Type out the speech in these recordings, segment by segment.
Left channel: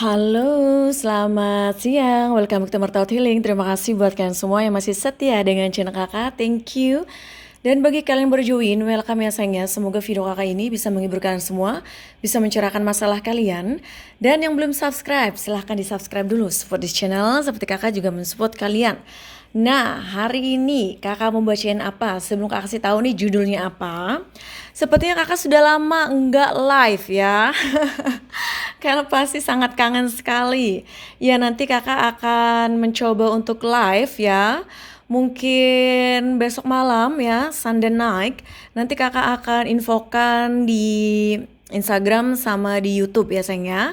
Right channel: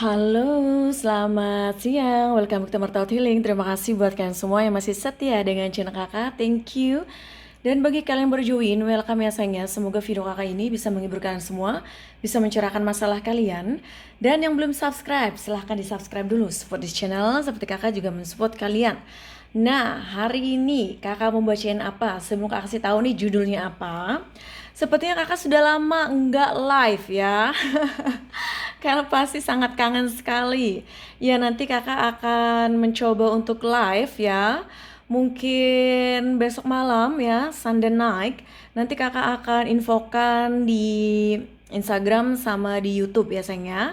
Halo, selamat siang. Welcome to Martaut Healing. Terima kasih buat kalian semua yang masih setia dengan channel kakak. Thank you. Dan bagi kalian yang baru join, welcome ya sayangnya. Semoga video kakak ini bisa menghibur kalian semua, bisa mencerahkan masalah kalian. Dan yang belum subscribe, silahkan di subscribe dulu. Support di channel, seperti kakak juga mensupport kalian. Nah, hari ini kakak mau bacain apa? Sebelum kakak kasih tahu nih judulnya apa. Sepertinya kakak sudah lama enggak live ya. Karena pasti sangat kangen sekali. Ya nanti kakak akan mencoba untuk live ya. Mungkin besok malam ya, Sunday night. Nanti kakak akan infokan di Instagram sama di YouTube ya sayang ya.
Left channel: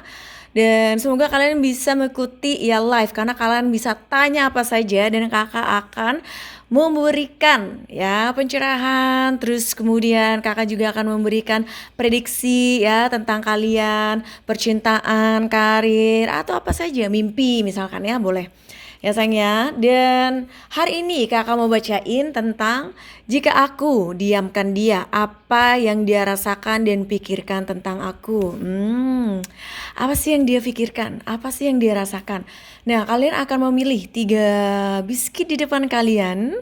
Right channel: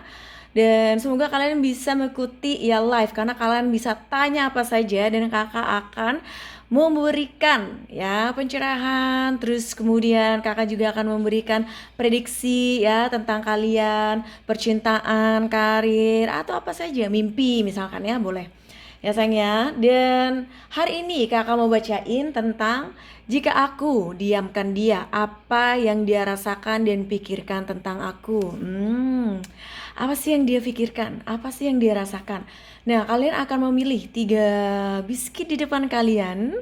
Dan semoga kalian bisa mengikuti ya live karena kalian bisa tanya apa saja dan kakak akan memberikan ya pencerahan, terus kemudian kakak juga akan memberikan prediksi ya tentang kalian, percintaan, karir atau apa saja, mimpi misalkan ya, boleh ya sayang ya. Dan hari ini kakak mau bacain tentang jika aku diamkan dia, apa yang dia rasakan dan pikirkan tentang aku. Apa sih yang dia pikirkan? Apa sih yang dia rasakan? Nah, kalian akan memilih 3 biskuit di depan kalian.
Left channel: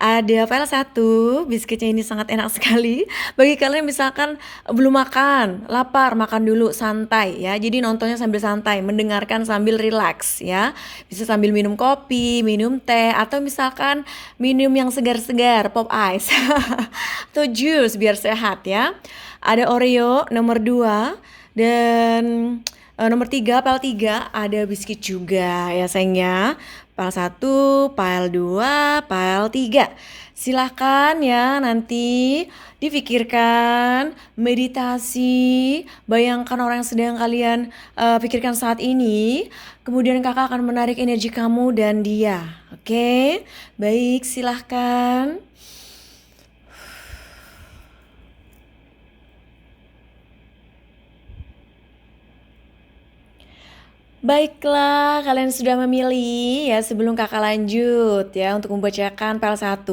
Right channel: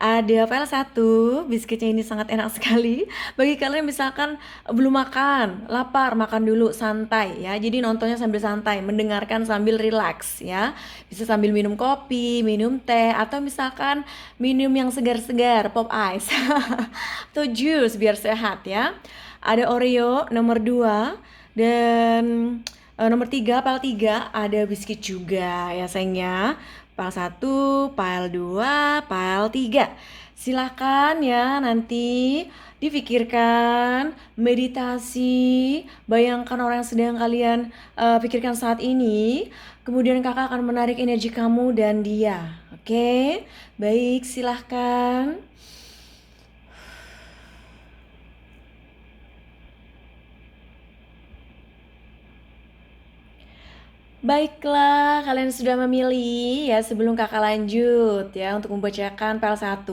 Ada file satu, biskuitnya ini sangat enak sekali. Bagi kalian misalkan belum makan, lapar, makan dulu santai ya. Jadi nontonnya sambil santai, mendengarkan sambil relax ya. Bisa sambil minum kopi, minum teh, atau misalkan minum yang segar-segar, pop ice. Atau jus biar sehat ya. Ada Oreo nomor 2 dan nomor 3, pile 3 ada biskuit juga ya sayangnya. Pile 1, pile 2, pile 3. Silahkan ya nanti difikirkan, meditasi, bayangkan orang yang sedang kalian pikirkan saat ini. Kemudian kakak akan menarik energi kamu dan dia. Oke, baik silahkan. Baiklah, kalian sudah memilih ya. Sebelum kakak lanjut ya untuk membacakan PL 1,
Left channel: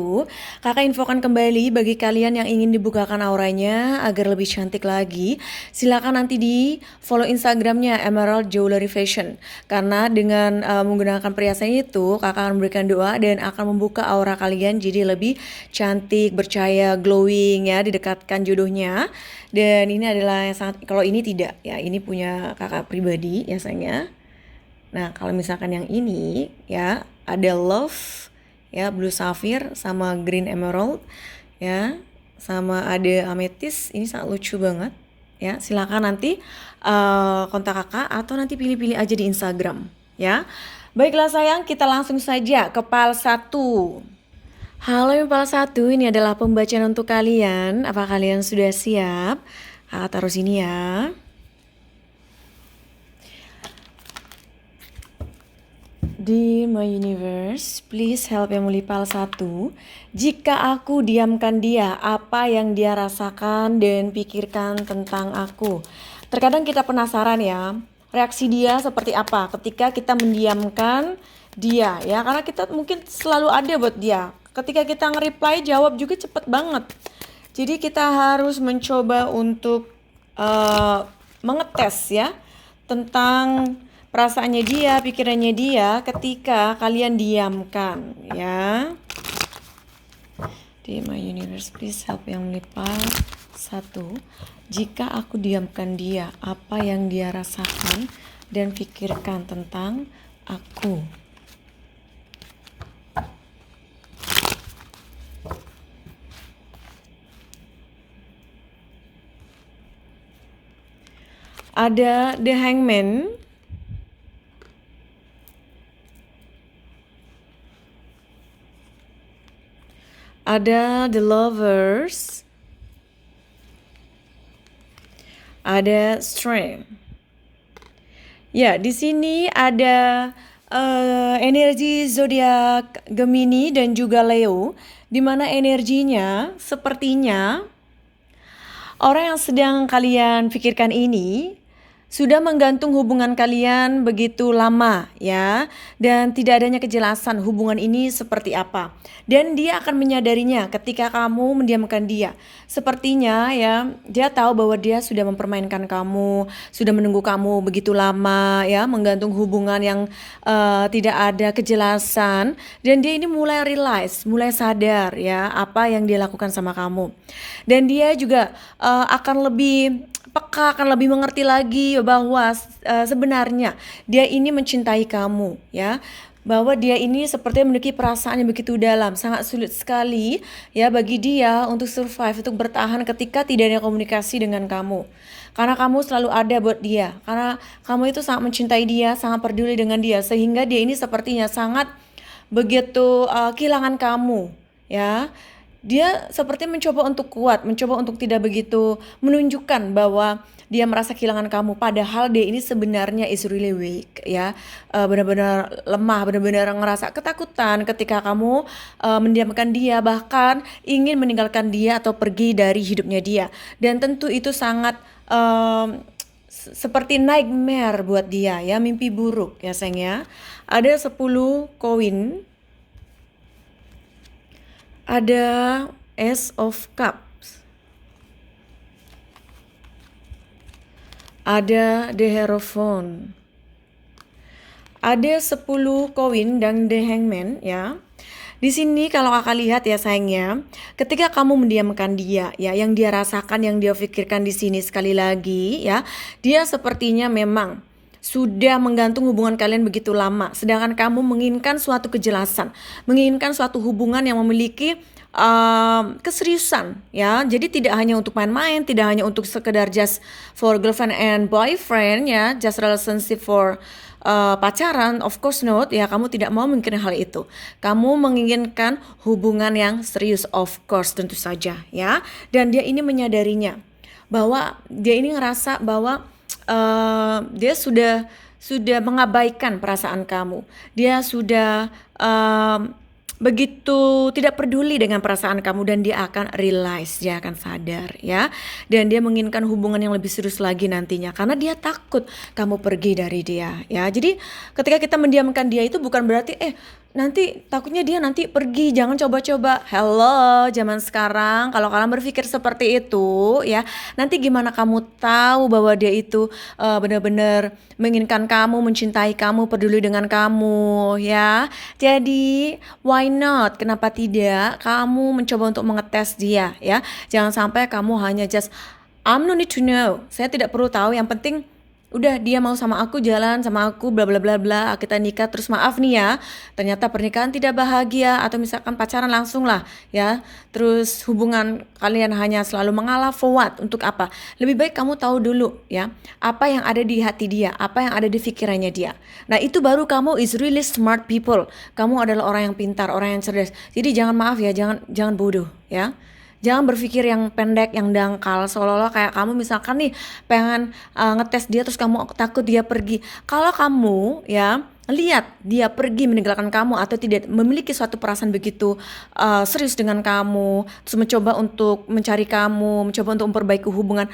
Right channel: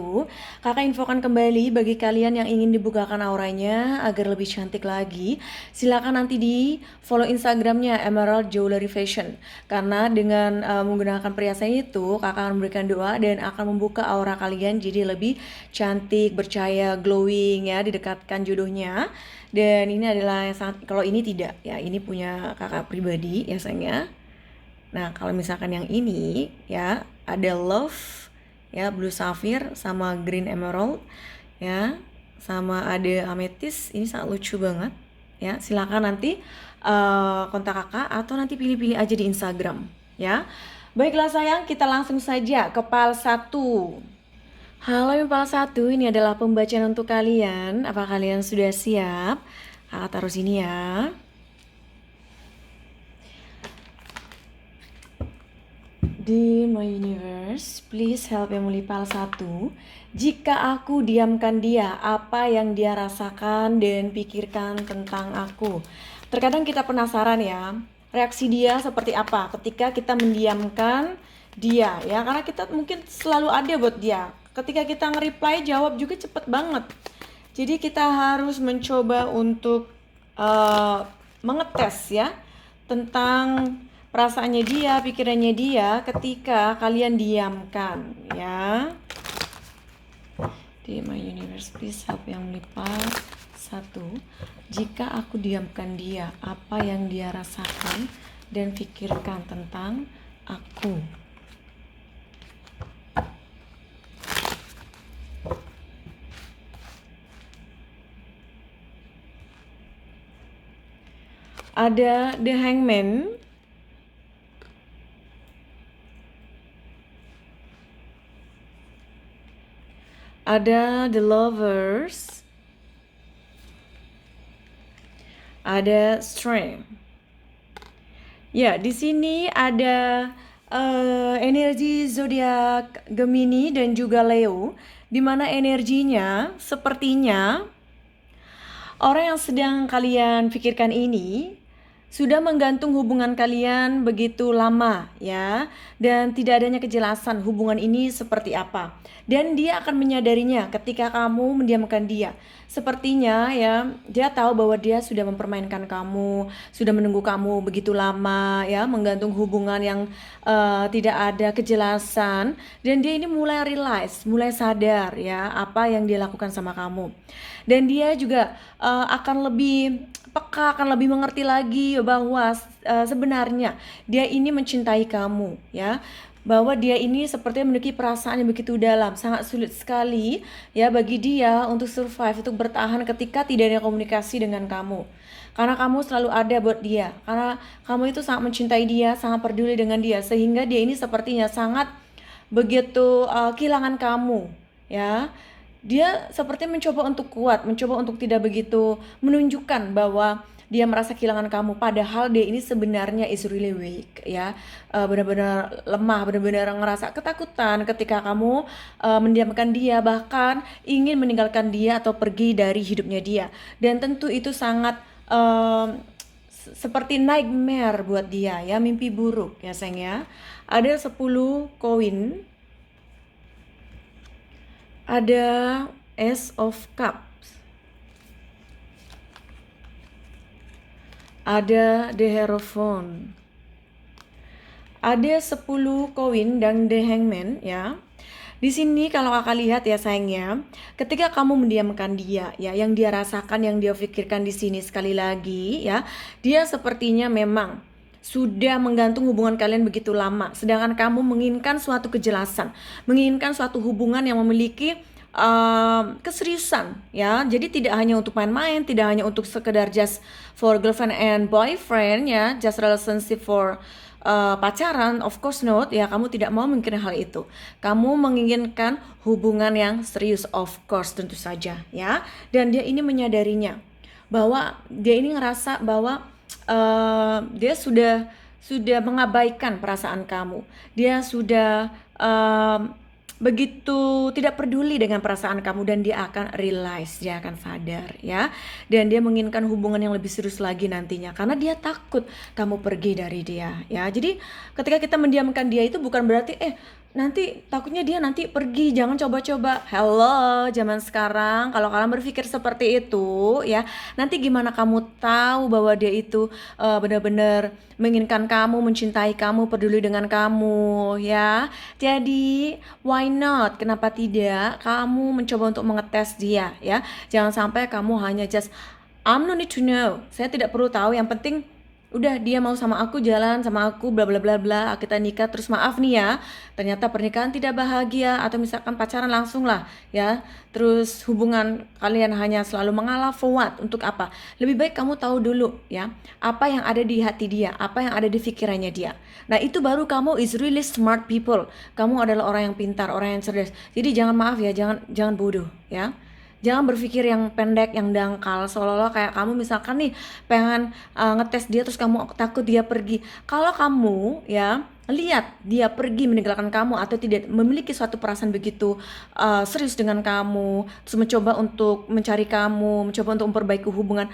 kakak infokan kembali bagi kalian yang ingin dibukakan auranya agar lebih cantik lagi. Silakan nanti di follow Instagramnya Emerald Jewelry Fashion. Karena dengan menggunakan perhiasan itu, kakak akan memberikan doa dan akan membuka aura kalian jadi lebih cantik, bercahaya, glowing ya, didekatkan jodohnya. Dan ini adalah yang sangat, kalau ini tidak ya, ini punya kakak pribadi ya sayangnya. Nah, kalau misalkan yang ini ya ada love ya, blue sapphire sama green emerald ya, sama ada amethyst. Ini sangat lucu banget ya. Silakan nanti kontak kakak atau nanti pilih-pilih aja di Instagram ya. Baiklah sayang, kita langsung saja ke PAL 1. Halo PAL 1, ini adalah pembacaan untuk kalian. Apa kalian sudah siap? Kakak taruh sini ya. Di my universe, please help yang mulia PAL 1. Jika aku diamkan dia, apa yang dia rasakan dan pikirkan tentang aku? Terkadang kita penasaran ya, reaksi dia seperti apa ketika kita mendiamkan dia ya. Karena kita mungkin selalu ada buat dia. Ketika kita nge-reply, jawab juga cepet banget. Jadi kita harus mencoba untuk mengetes ya tentang perasaannya dia, pikirannya dia ketika kalian diamkan ya. Di my universe, please help yang lipal 1. Jika aku diamkan dia, apa yang dia rasakan dan pikirkan tentang aku? Ada The Hangman. Ada The Lovers. Ada Strength. Ya, di sini ada energi zodiak Gemini dan juga Leo, di mana energinya sepertinya orang yang sedang kalian pikirkan ini sudah menggantung hubungan kalian begitu lama ya, dan tidak adanya kejelasan hubungan ini seperti apa. Dan dia akan menyadarinya ketika kamu mendiamkan dia. Sepertinya ya, dia tahu bahwa dia sudah mempermainkan kamu, sudah menunggu kamu begitu lama ya, menggantung hubungan yang tidak ada kejelasan, dan dia ini mulai realize, mulai sadar ya apa yang dia lakukan sama kamu. Dan dia juga akan lebih peka, akan lebih mengerti lagi bahwa sebenarnya dia ini mencintai kamu ya, bahwa dia ini sepertinya memiliki perasaan yang begitu dalam. Sangat sulit sekali ya bagi dia untuk survive, untuk bertahan ketika tidak ada komunikasi dengan kamu, karena kamu selalu ada buat dia, karena kamu itu sangat mencintai dia, sangat peduli dengan dia, sehingga dia ini sepertinya sangat begitu kehilangan kamu ya. Dia seperti mencoba untuk kuat, mencoba untuk tidak begitu menunjukkan bahwa dia merasa kehilangan kamu, padahal dia ini sebenarnya is really weak ya. Benar-benar lemah, benar-benar ngerasa ketakutan ketika kamu mendiamkan dia, bahkan ingin meninggalkan dia atau pergi dari hidupnya dia. Dan tentu itu sangat seperti nightmare buat dia ya, mimpi buruk ya sayang ya. Ada 10 koin, ada Ace of Cups, ada The Hierophant, ada 10 koin dan The Hangman ya. Di sini kalau kakak lihat ya sayangnya, ketika kamu mendiamkan dia ya, yang dia rasakan, yang dia pikirkan di sini sekali lagi ya, dia sepertinya memang sudah menggantung hubungan kalian begitu lama, sedangkan kamu menginginkan suatu kejelasan, menginginkan suatu hubungan yang memiliki keseriusan ya. Jadi tidak hanya untuk main-main, tidak hanya untuk sekedar just for girlfriend and boyfriend ya, just relationship for pacaran, of course not ya. Kamu tidak mau mungkin hal itu. Kamu menginginkan hubungan yang serius, of course, tentu saja ya. Dan dia ini menyadarinya bahwa dia ini ngerasa bahwa dia sudah mengabaikan perasaan kamu. Dia sudah begitu tidak peduli dengan perasaan kamu, dan dia akan realize, dia akan sadar ya. Dan dia menginginkan hubungan yang lebih serius lagi nantinya, karena dia takut kamu pergi dari dia ya. Jadi ketika kita mendiamkan dia itu bukan berarti nanti takutnya dia nanti pergi, jangan coba-coba. Hello, zaman sekarang kalau kalian berpikir seperti itu ya, nanti gimana kamu tahu bahwa dia itu benar-benar menginginkan kamu, mencintai kamu, peduli dengan kamu ya. Jadi why not? Kenapa tidak kamu mencoba untuk mengetes dia ya. Jangan sampai kamu hanya just I'm no need to know, saya tidak perlu tahu, yang penting udah dia mau sama aku, jalan sama aku, bla bla bla bla, kita nikah. Terus maaf nih ya, ternyata pernikahan tidak bahagia, atau misalkan pacaran langsung lah ya, terus hubungan kalian hanya selalu mengalah, for what? Untuk apa? Lebih baik kamu tahu dulu ya, apa yang ada di hati dia, apa yang ada di pikirannya dia. Nah itu baru kamu is really smart people. Kamu adalah orang yang pintar, orang yang cerdas. Jadi jangan, maaf ya, jangan bodoh ya. Jangan berpikir yang pendek, yang dangkal, seolah-olah kayak kamu misalkan nih pengen ngetes dia terus kamu takut dia pergi. Kalau kamu ya lihat dia pergi meninggalkan kamu atau tidak memiliki suatu perasaan begitu serius dengan kamu, terus mencoba untuk mencari kamu, mencoba untuk memperbaiki hubungan,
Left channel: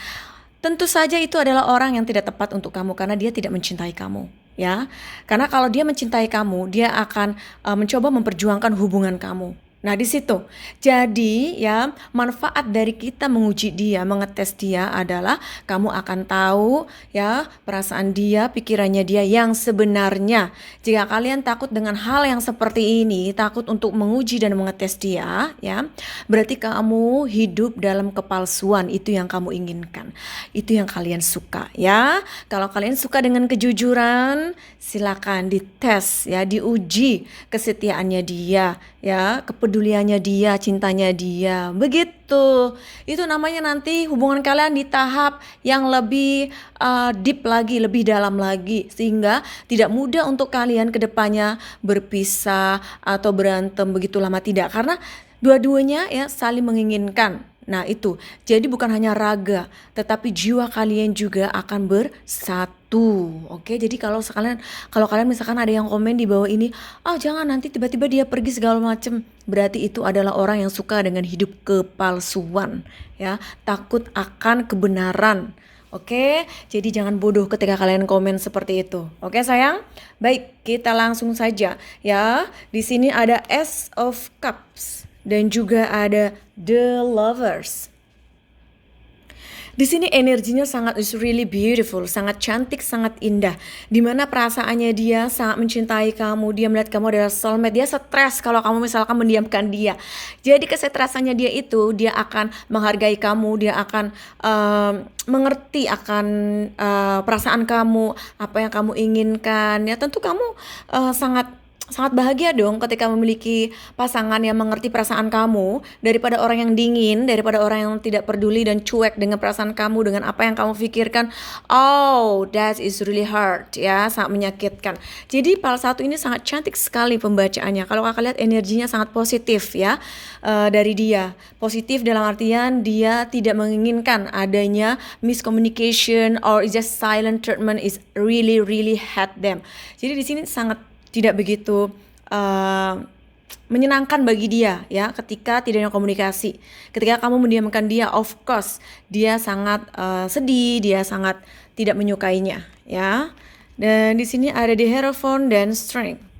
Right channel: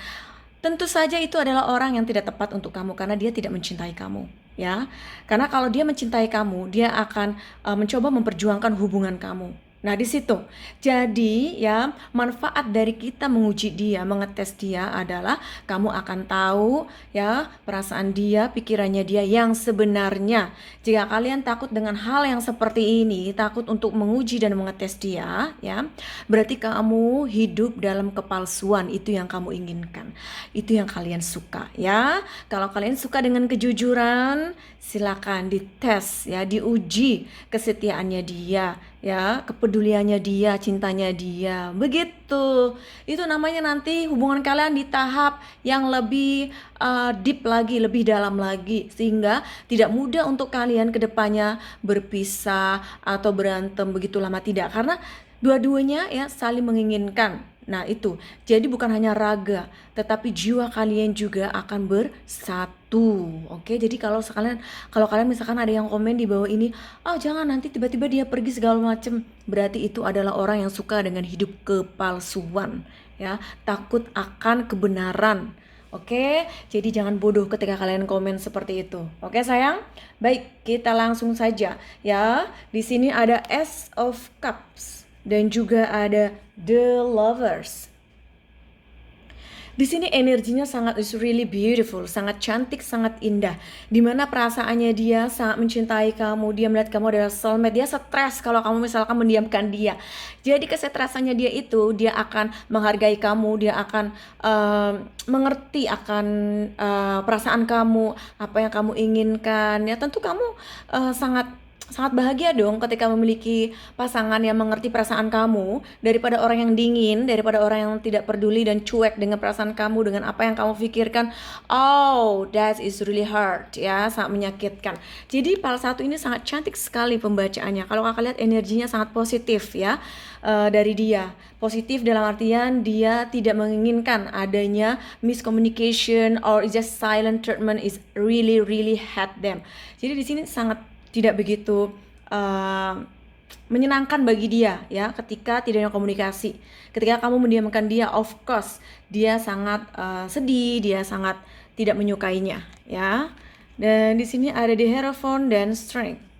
tentu saja itu adalah orang yang tidak tepat untuk kamu, karena dia tidak mencintai kamu ya. Karena kalau dia mencintai kamu, dia akan mencoba memperjuangkan hubungan kamu. Nah di situ, jadi ya manfaat dari kita menguji dia, mengetes dia adalah kamu akan tahu ya perasaan dia, pikirannya dia yang sebenarnya. Jika kalian takut dengan hal yang seperti ini, takut untuk menguji dan mengetes dia ya, berarti kamu hidup dalam kepalsuan. Itu yang kamu inginkan, itu yang kalian suka ya. Kalau kalian suka dengan kejujuran, silakan dites ya, diuji kesetiaannya dia ya, kepeduliannya dia, cintanya dia. Begitu. Itu namanya nanti hubungan kalian di tahap yang lebih deep lagi, lebih dalam lagi, sehingga tidak mudah untuk kalian kedepannya berpisah atau berantem begitu lama, tidak, karena dua-duanya ya saling menginginkan. Nah itu, jadi bukan hanya raga, tetapi jiwa kalian juga akan bersatu. Oke, jadi kalau kalian misalkan ada yang komen di bawah ini, jangan nanti tiba-tiba dia pergi segala macem, berarti itu adalah orang yang suka dengan hidup kepalsuan ya, takut akan kebenaran. Oke, jadi jangan bodoh ketika kalian komen seperti itu. Oke, sayang? Baik, kita langsung saja ya. Di sini ada Ace of Cups dan juga ada The Lovers. Di sini energinya sangat is really beautiful, sangat cantik, sangat indah. Dimana perasaannya dia sangat mencintai kamu, dia melihat kamu adalah soulmate. Dia stres kalau kamu misalkan mendiamkan dia. Jadi kesetresannya dia itu, dia akan menghargai kamu, dia akan mengerti akan perasaan kamu, apa yang kamu inginkan. Ya tentu kamu sangat sangat bahagia dong ketika memiliki pasangan yang mengerti perasaan kamu, daripada orang yang dingin, daripada orang yang tidak peduli dan cuek dengan perasaan kamu, dengan apa yang kamu pikirkan. Oh, that is really hard ya, sangat menyakitkan. Jadi fal 1 ini sangat cantik sekali pembacaannya. Kalau kakak lihat energinya sangat positif ya, dari dia. Positif dalam artian dia tidak menginginkan adanya miscommunication or just silent treatment, is really hate them. Jadi di sini sangat tidak begitu menyenangkan bagi dia ya ketika tidak ada komunikasi. Ketika kamu mendiamkan dia, of course dia sangat sedih, dia sangat tidak menyukainya ya. Dan di sini ada the Hierophant dan Strength.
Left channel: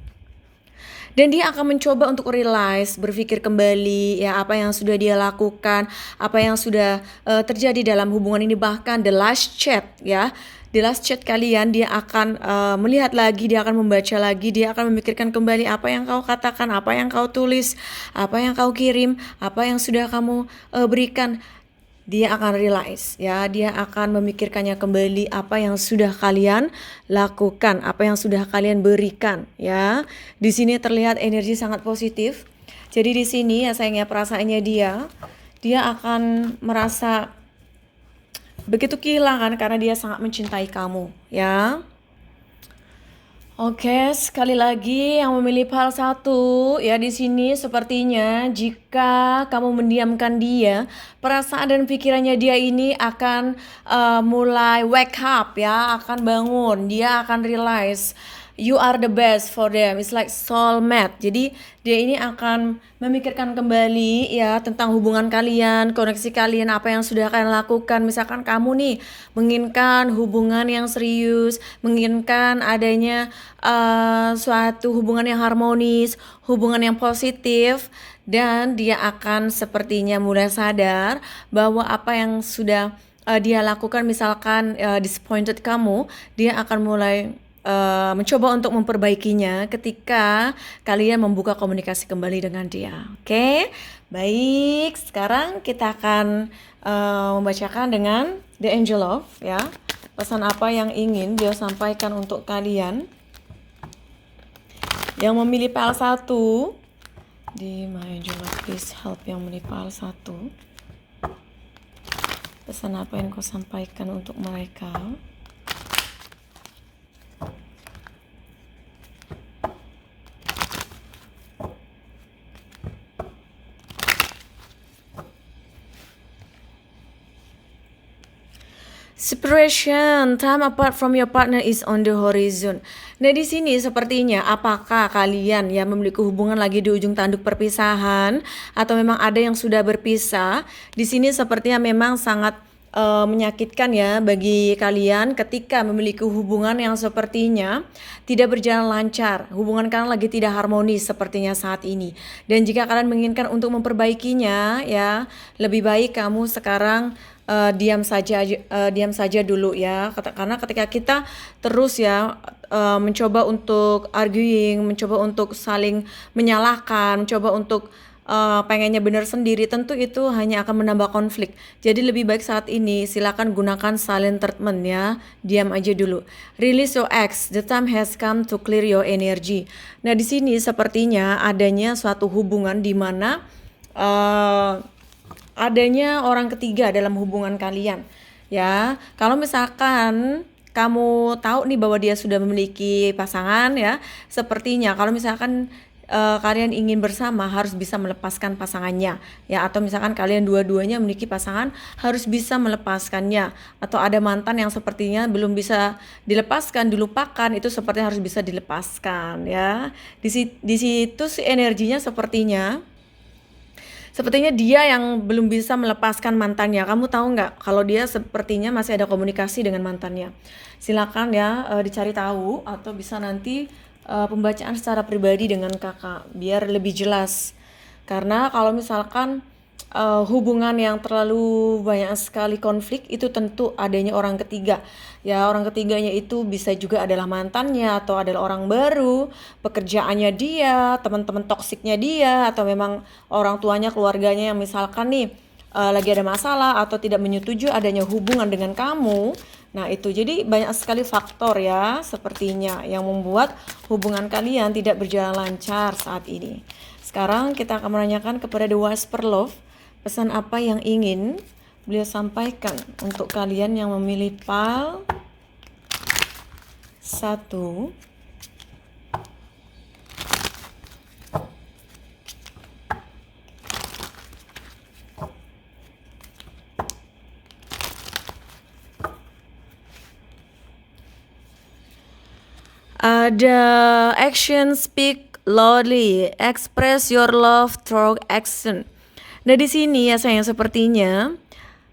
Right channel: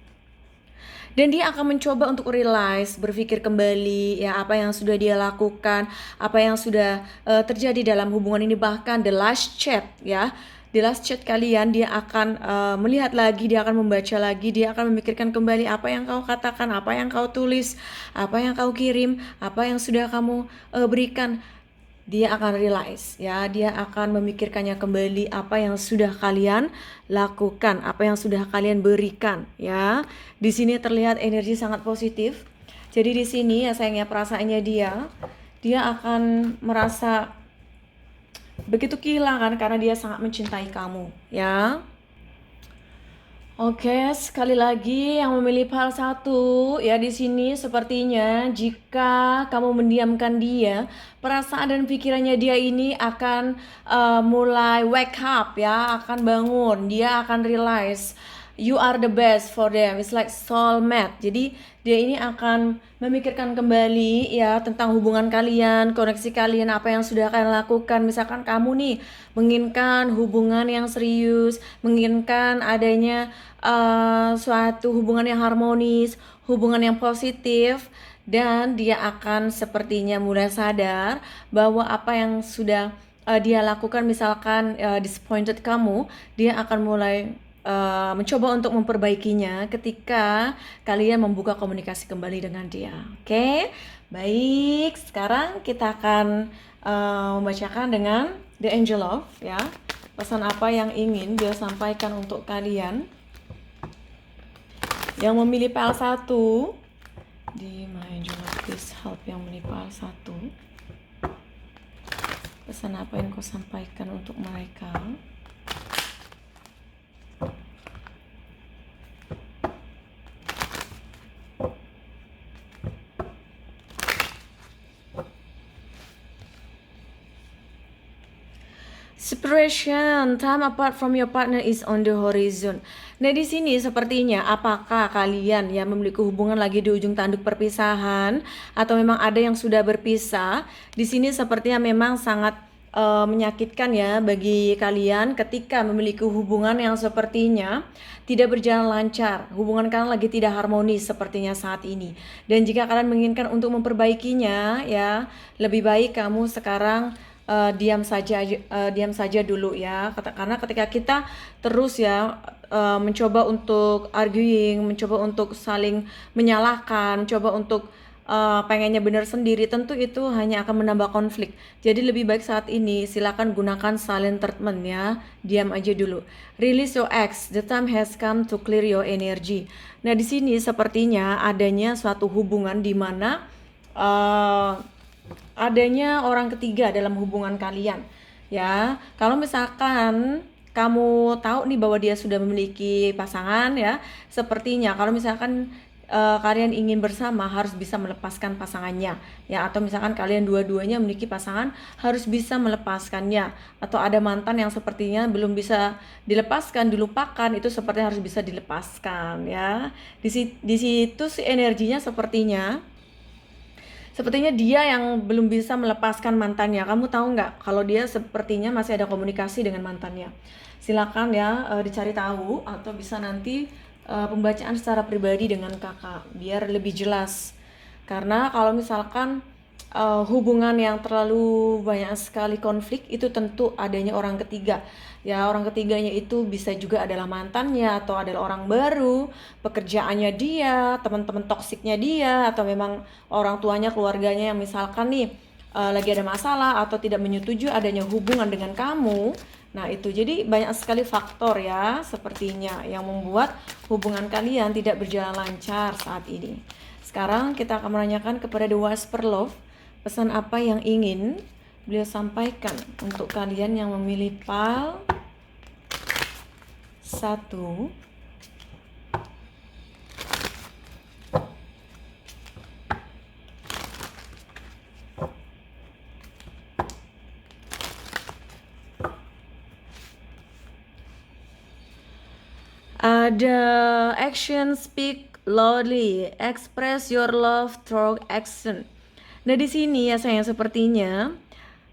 Dan dia akan mencoba untuk realize, berpikir kembali ya apa yang sudah dia lakukan, apa yang sudah terjadi dalam hubungan ini, bahkan the last chat ya. Di last chat kalian dia akan melihat lagi, dia akan membaca lagi, dia akan memikirkan kembali apa yang kau katakan, apa yang kau tulis, apa yang kau kirim, apa yang sudah kamu berikan. Dia akan realize ya, dia akan memikirkannya kembali apa yang sudah kalian lakukan, apa yang sudah kalian berikan ya. Di sini terlihat energi sangat positif. Jadi di sini ya sayangnya perasaannya dia akan merasa begitu kehilangan karena dia sangat mencintai kamu ya. Oke, sekali lagi yang memilih fal 1 ya, di sini sepertinya jika kamu mendiamkan dia, perasaan dan pikirannya dia ini akan mulai wake up ya, akan bangun, dia akan realize you are the best for them. It's like soulmate. Jadi dia ini akan memikirkan kembali ya tentang hubungan kalian, koneksi kalian, apa yang sudah kalian lakukan. Misalkan kamu nih menginginkan hubungan yang serius, menginginkan adanya suatu hubungan yang harmonis, hubungan yang positif, dan dia akan sepertinya mulai sadar bahwa apa yang sudah dia lakukan, misalkan disappointed kamu, dia akan mulai mencoba untuk memperbaikinya ketika kalian membuka komunikasi kembali dengan dia. Oke, baik. Sekarang kita akan membacakan dengan The Angel Love ya. Pesan apa yang ingin dia sampaikan untuk kalian yang memilih fal 1. Di My Angel Love, please help yang memilih fal 1. Pesan apa yang kau sampaikan untuk mereka? Separation, time apart from your partner is on the horizon. Nah di sini sepertinya apakah kalian yang memiliki hubungan lagi di ujung tanduk perpisahan atau memang ada yang sudah berpisah? Di sini sepertinya memang sangat menyakitkan ya bagi kalian ketika memiliki hubungan yang sepertinya tidak berjalan lancar. Hubungan kalian lagi tidak harmonis sepertinya saat ini. Dan jika kalian menginginkan untuk memperbaikinya ya, lebih baik kamu sekarang diam saja dulu ya, karena ketika kita terus ya mencoba untuk arguing, mencoba untuk saling menyalahkan, mencoba untuk pengennya benar sendiri, tentu itu hanya akan menambah konflik. Jadi lebih baik saat ini silakan gunakan silent treatment ya, diam aja dulu. Release your ex, the time has come to clear your energy. Nah di sini sepertinya adanya suatu hubungan di mana adanya orang ketiga dalam hubungan kalian ya. Kalau misalkan kamu tahu nih bahwa dia sudah memiliki pasangan ya, sepertinya kalau misalkan kalian ingin bersama harus bisa melepaskan pasangannya ya, atau misalkan kalian dua-duanya memiliki pasangan harus bisa melepaskannya, atau ada mantan yang sepertinya belum bisa dilepaskan, dilupakan, itu sepertinya harus bisa dilepaskan ya. Di situ sih energinya sepertinya Sepertinya dia yang belum bisa melepaskan mantannya. Kamu tahu nggak kalau dia sepertinya masih ada komunikasi dengan mantannya. Silakan ya dicari tahu atau bisa nanti pembacaan secara pribadi dengan kakak biar lebih jelas. Karena kalau misalkan hubungan yang terlalu banyak sekali konflik itu tentu adanya orang ketiga. Ya, orang ketiganya itu bisa juga adalah mantannya atau adalah orang baru, pekerjaannya dia, teman-teman toksiknya dia, atau memang orang tuanya, keluarganya yang misalkan nih lagi ada masalah atau tidak menyetujui adanya hubungan dengan kamu. Nah, itu jadi banyak sekali faktor ya sepertinya yang membuat hubungan kalian tidak berjalan lancar saat ini. Sekarang kita akan menanyakan kepada The Whisper Love, pesan apa yang ingin beliau sampaikan untuk kalian yang memilih PAL 1. Ada action speak loudly, express your love through action. Nah di sini ya sayang sepertinya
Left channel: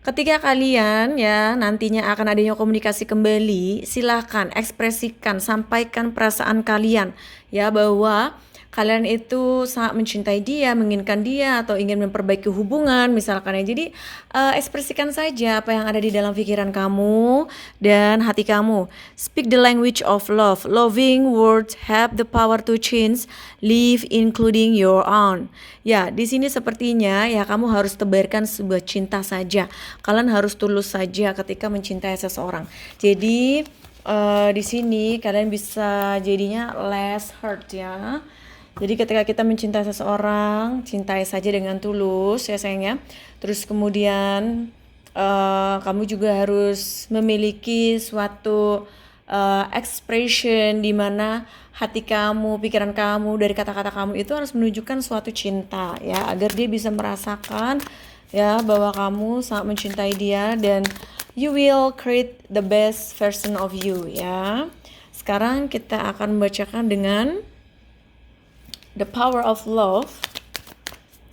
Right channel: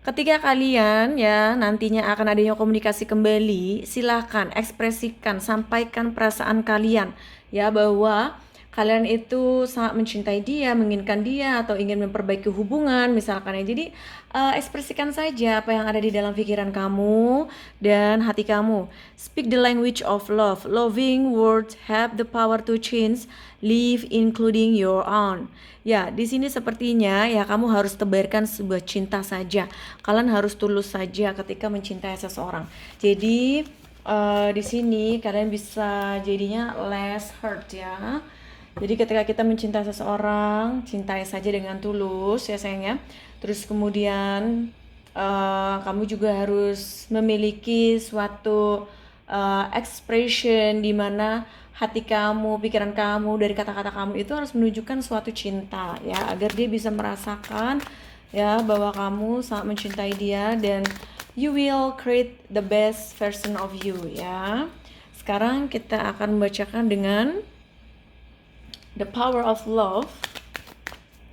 ketika kalian ya nantinya akan adanya komunikasi kembali, silakan ekspresikan, sampaikan perasaan kalian ya bahwa kalian itu sangat mencintai dia, menginginkan dia atau ingin memperbaiki hubungan misalkan ya. Jadi ekspresikan saja apa yang ada di dalam pikiran kamu dan hati kamu. Speak the language of love. Loving words have the power to change life including your own. Ya, di sini sepertinya ya kamu harus tebarkan sebuah cinta saja. Kalian harus tulus saja ketika mencintai seseorang. Jadi di sini kalian bisa jadinya less hurt ya. Jadi ketika kita mencintai seseorang, cintai saja dengan tulus ya sayangnya. Terus kemudian kamu juga harus memiliki suatu expression di mana hati kamu, pikiran kamu, dari kata-kata kamu itu harus menunjukkan suatu cinta ya, agar dia bisa merasakan ya bahwa kamu sangat mencintai dia dan you will create the best version of you ya. Sekarang kita akan membacakan dengan The Power of Love.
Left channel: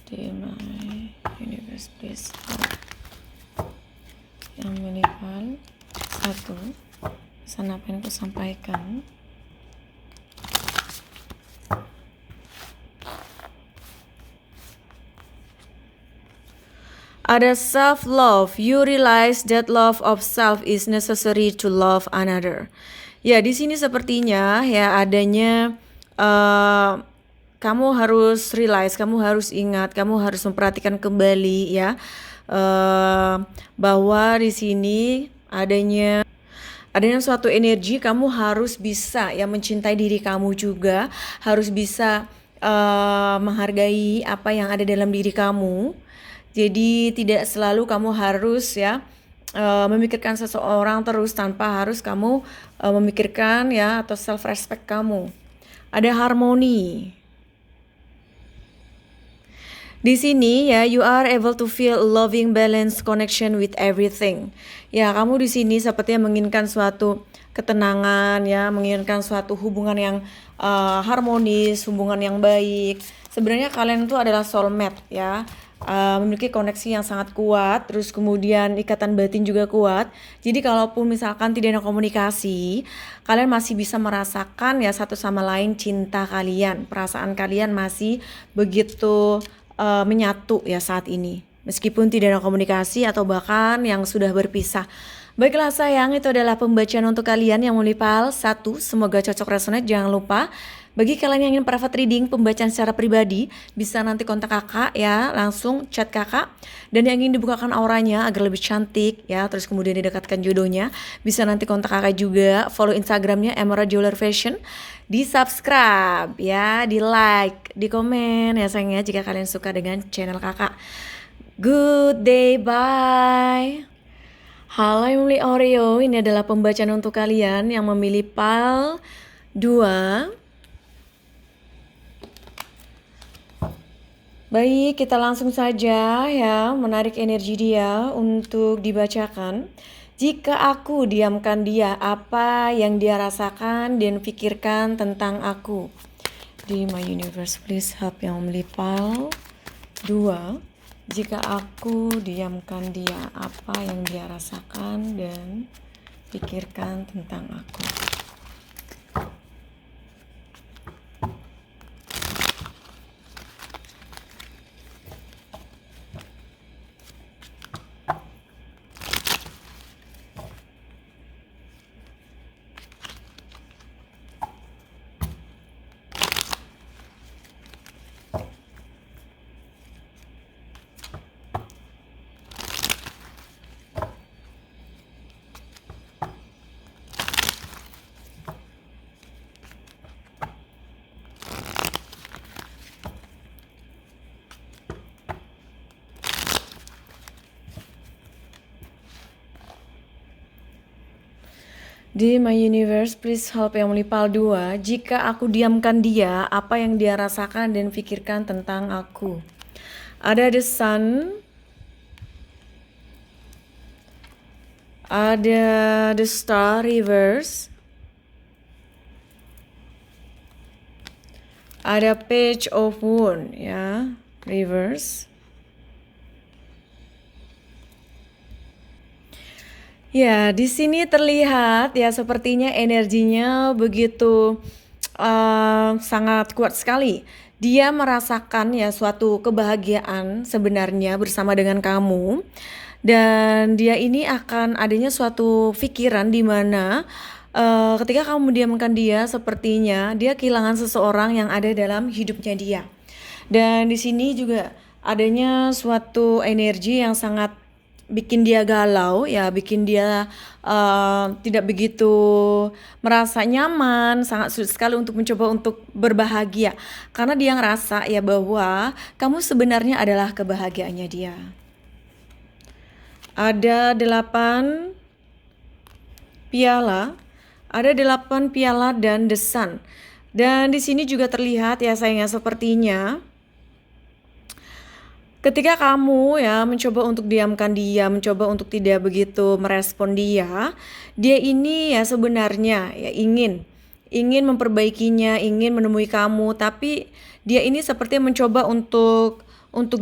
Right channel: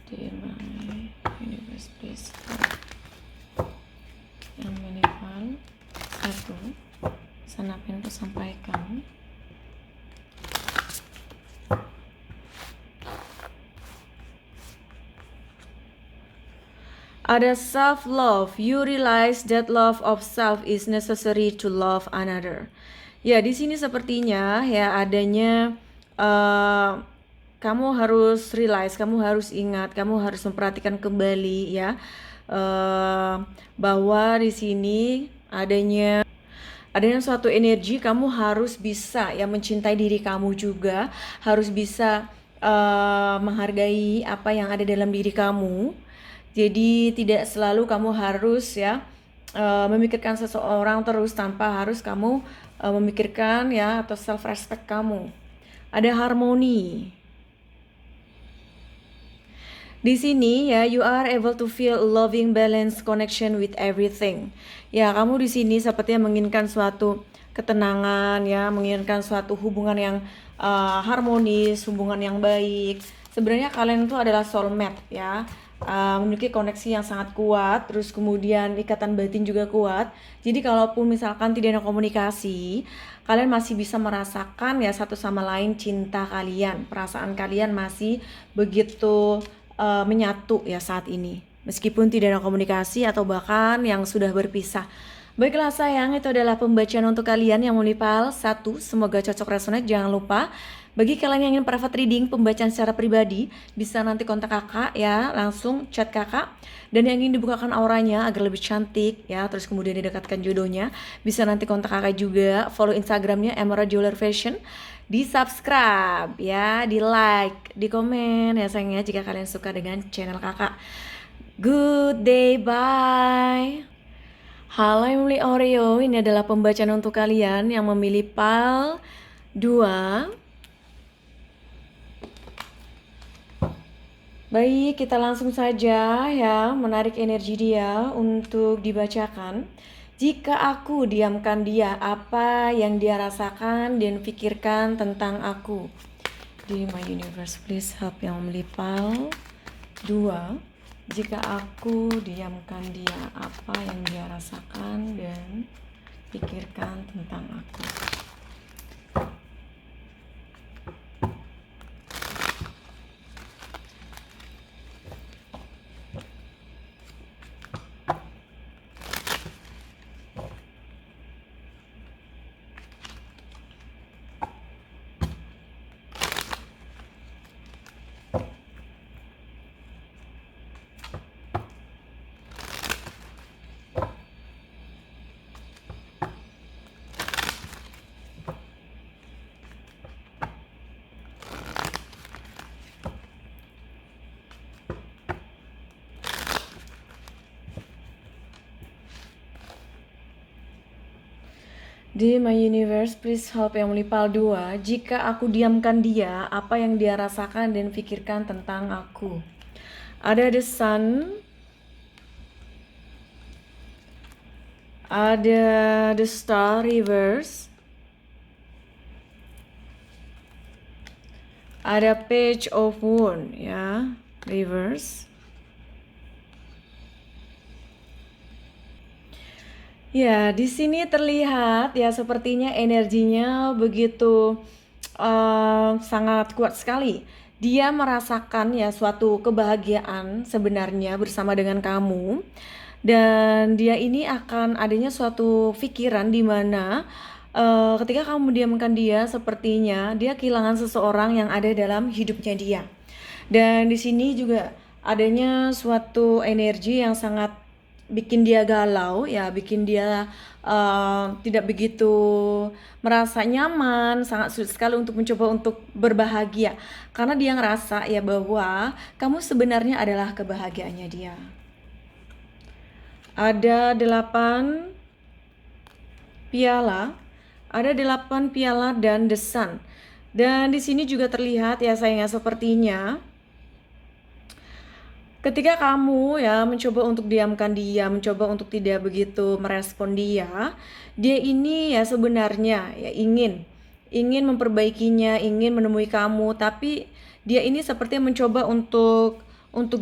Dear my universe, please help. Yang meninggal 1. Pesan apa yang aku sampaikan? Ada self-love. You realize that love of self is necessary to love another. Ya, di sini sepertinya ya adanya kamu harus realize, kamu harus ingat, kamu harus memperhatikan kembali ya bahwa di sini adanya suatu energi. Kamu harus bisa ya mencintai diri kamu juga, harus bisa menghargai apa yang ada dalam diri kamu. Jadi tidak selalu kamu harus ya memikirkan seseorang terus tanpa harus kamu memikirkan ya atau self respect kamu. Ada harmoni. Di sini ya you are able to feel loving balance connection with everything. Ya kamu di sini sepertinya menginginkan suatu ketenangan ya, menginginkan suatu hubungan yang harmonis, hubungan yang baik. Sebenarnya kalian itu adalah soulmate ya. Memiliki koneksi yang sangat kuat, terus kemudian ikatan batin juga kuat. Jadi kalaupun misalkan tidak ada komunikasi, kalian masih bisa merasakan ya satu sama lain cinta kalian, perasaan kalian masih begitu menyatu ya saat ini. Meskipun tidak ada komunikasi atau bahkan yang sudah berpisah. Baiklah sayang, itu adalah pembacaan untuk kalian yang memilih PAL 1. Semoga cocok resonate. Jangan lupa bagi kalian yang ingin private reading, pembacaan secara pribadi, bisa nanti kontak kakak ya, langsung chat kakak. Dan yang ingin dibukakan auranya agar lebih cantik ya, terus kemudian didekatkan jodohnya, bisa nanti kontak kakak juga. Follow Instagramnya Emerald Jeweler Fashion. Di subscribe ya, di like, di komen ya sayangnya jika kalian suka dengan channel kakak. Good day, bye. Halo yang memilih Oreo, ini adalah pembacaan untuk kalian yang memilih PAL 2. Baik, kita langsung saja ya menarik energi dia untuk dibacakan. Jika aku diamkan dia, apa yang dia rasakan dan pikirkan tentang aku? Di my universe, please help yang memilih PAL 2. Jika aku diamkan dia, apa yang dia rasakan dan pikirkan tentang aku. Di My Universe, please help yang melipal 2. Jika aku diamkan dia, apa yang dia rasakan dan pikirkan tentang aku. Ada the sun, ada the star reverse, ada page of wand ya, reverse. Ya, di sini terlihat ya sepertinya energinya begitu sangat kuat sekali. Dia merasakan ya suatu kebahagiaan sebenarnya bersama dengan kamu. Dan dia ini akan adanya suatu pikiran di mana ketika kamu mendiamkan dia, sepertinya dia kehilangan seseorang yang ada dalam hidupnya dia. Dan di sini juga adanya suatu energi yang sangat bikin dia galau ya, bikin dia tidak begitu merasa nyaman, sangat sulit sekali untuk mencoba untuk berbahagia. Karena dia ngerasa ya bahwa kamu sebenarnya adalah kebahagiaannya dia. Ada 8 piala, ada 8 piala dan the sun. Dan di sini juga terlihat ya sayangnya sepertinya ketika kamu ya mencoba untuk diamkan dia, mencoba untuk tidak begitu merespon dia, dia ini ya sebenarnya ya ingin memperbaikinya, ingin menemui kamu, tapi dia ini seperti mencoba untuk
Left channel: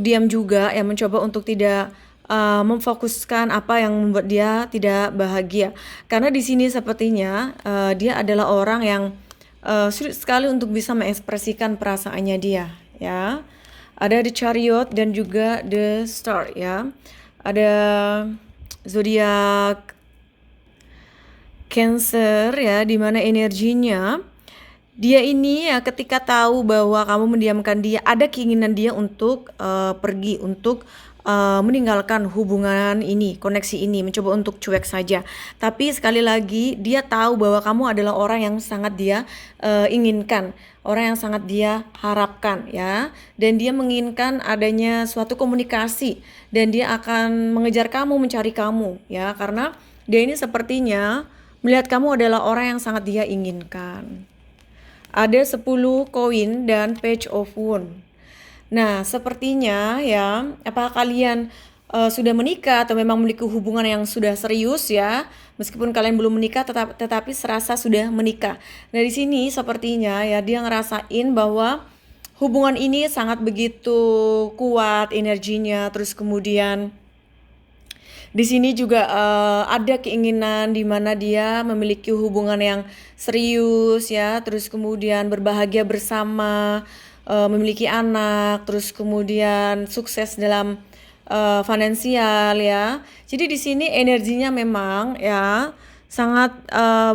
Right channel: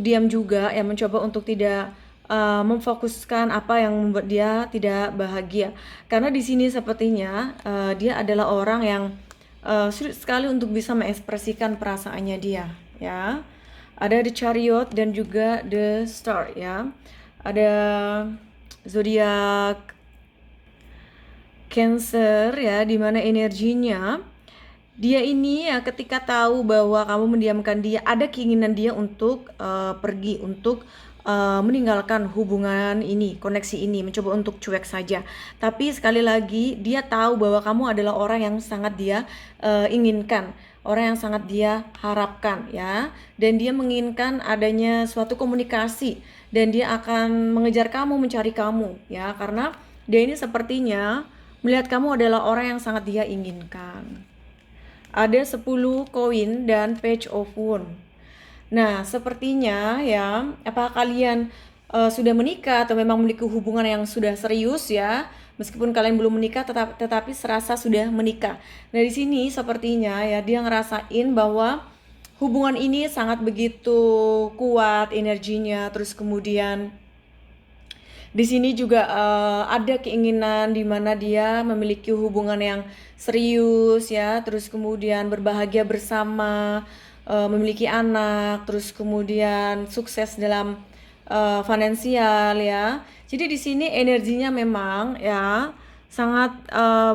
diam juga ya, mencoba untuk tidak memfokuskan apa yang membuat dia tidak bahagia. Karena di sini sepertinya dia adalah orang yang sulit sekali untuk bisa mengekspresikan perasaannya dia ya. Ada the chariot dan juga the star ya. Ada zodiak Cancer ya, di mana energinya dia ini ya ketika tahu bahwa kamu mendiamkan dia, ada keinginan dia untuk pergi, untuk meninggalkan hubungan ini, koneksi ini, mencoba untuk cuek saja. Tapi sekali lagi dia tahu bahwa kamu adalah orang yang sangat dia inginkan, orang yang sangat dia harapkan ya. Dan dia menginginkan adanya suatu komunikasi dan dia akan mengejar kamu, mencari kamu ya, karena dia ini sepertinya melihat kamu adalah orang yang sangat dia inginkan. Ada 10 koin dan page of wand. Nah, sepertinya ya, apakah kalian sudah menikah atau memang memiliki hubungan yang sudah serius ya? Meskipun kalian belum menikah, tetapi serasa sudah menikah. Nah, di sini sepertinya ya dia ngerasain bahwa hubungan ini sangat begitu kuat energinya, terus kemudian di sini juga ada keinginan di mana dia memiliki hubungan yang serius ya, terus kemudian berbahagia bersama, memiliki anak, terus kemudian sukses dalam finansial ya. Jadi di sini energinya memang ya sangat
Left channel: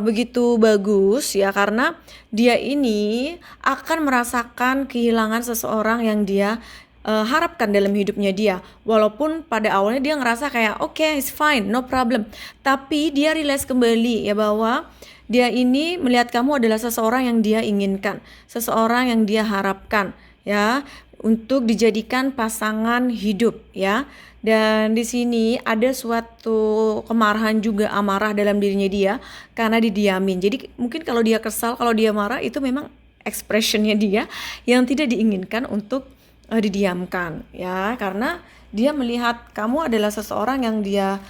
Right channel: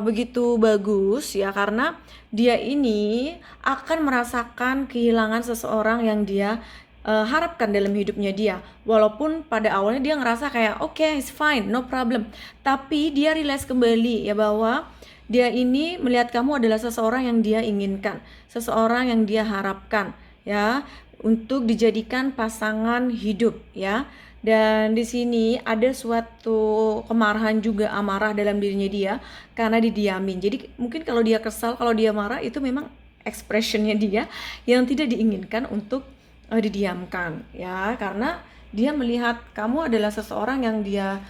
begitu bagus ya, karena dia ini akan merasakan kehilangan seseorang yang dia harapkan dalam hidupnya dia. Walaupun pada awalnya dia ngerasa kayak okay, it's fine, no problem. Tapi dia realize kembali ya bahwa dia ini melihat kamu adalah seseorang yang dia inginkan, seseorang yang dia harapkan ya, untuk dijadikan pasangan hidup ya. Dan di sini ada suatu kemarahan juga, amarah dalam dirinya dia karena didiamin. Jadi mungkin kalau dia kesal, kalau dia marah, itu memang expressionnya dia yang tidak diinginkan untuk didiamkan ya, karena dia melihat kamu adalah seseorang yang dia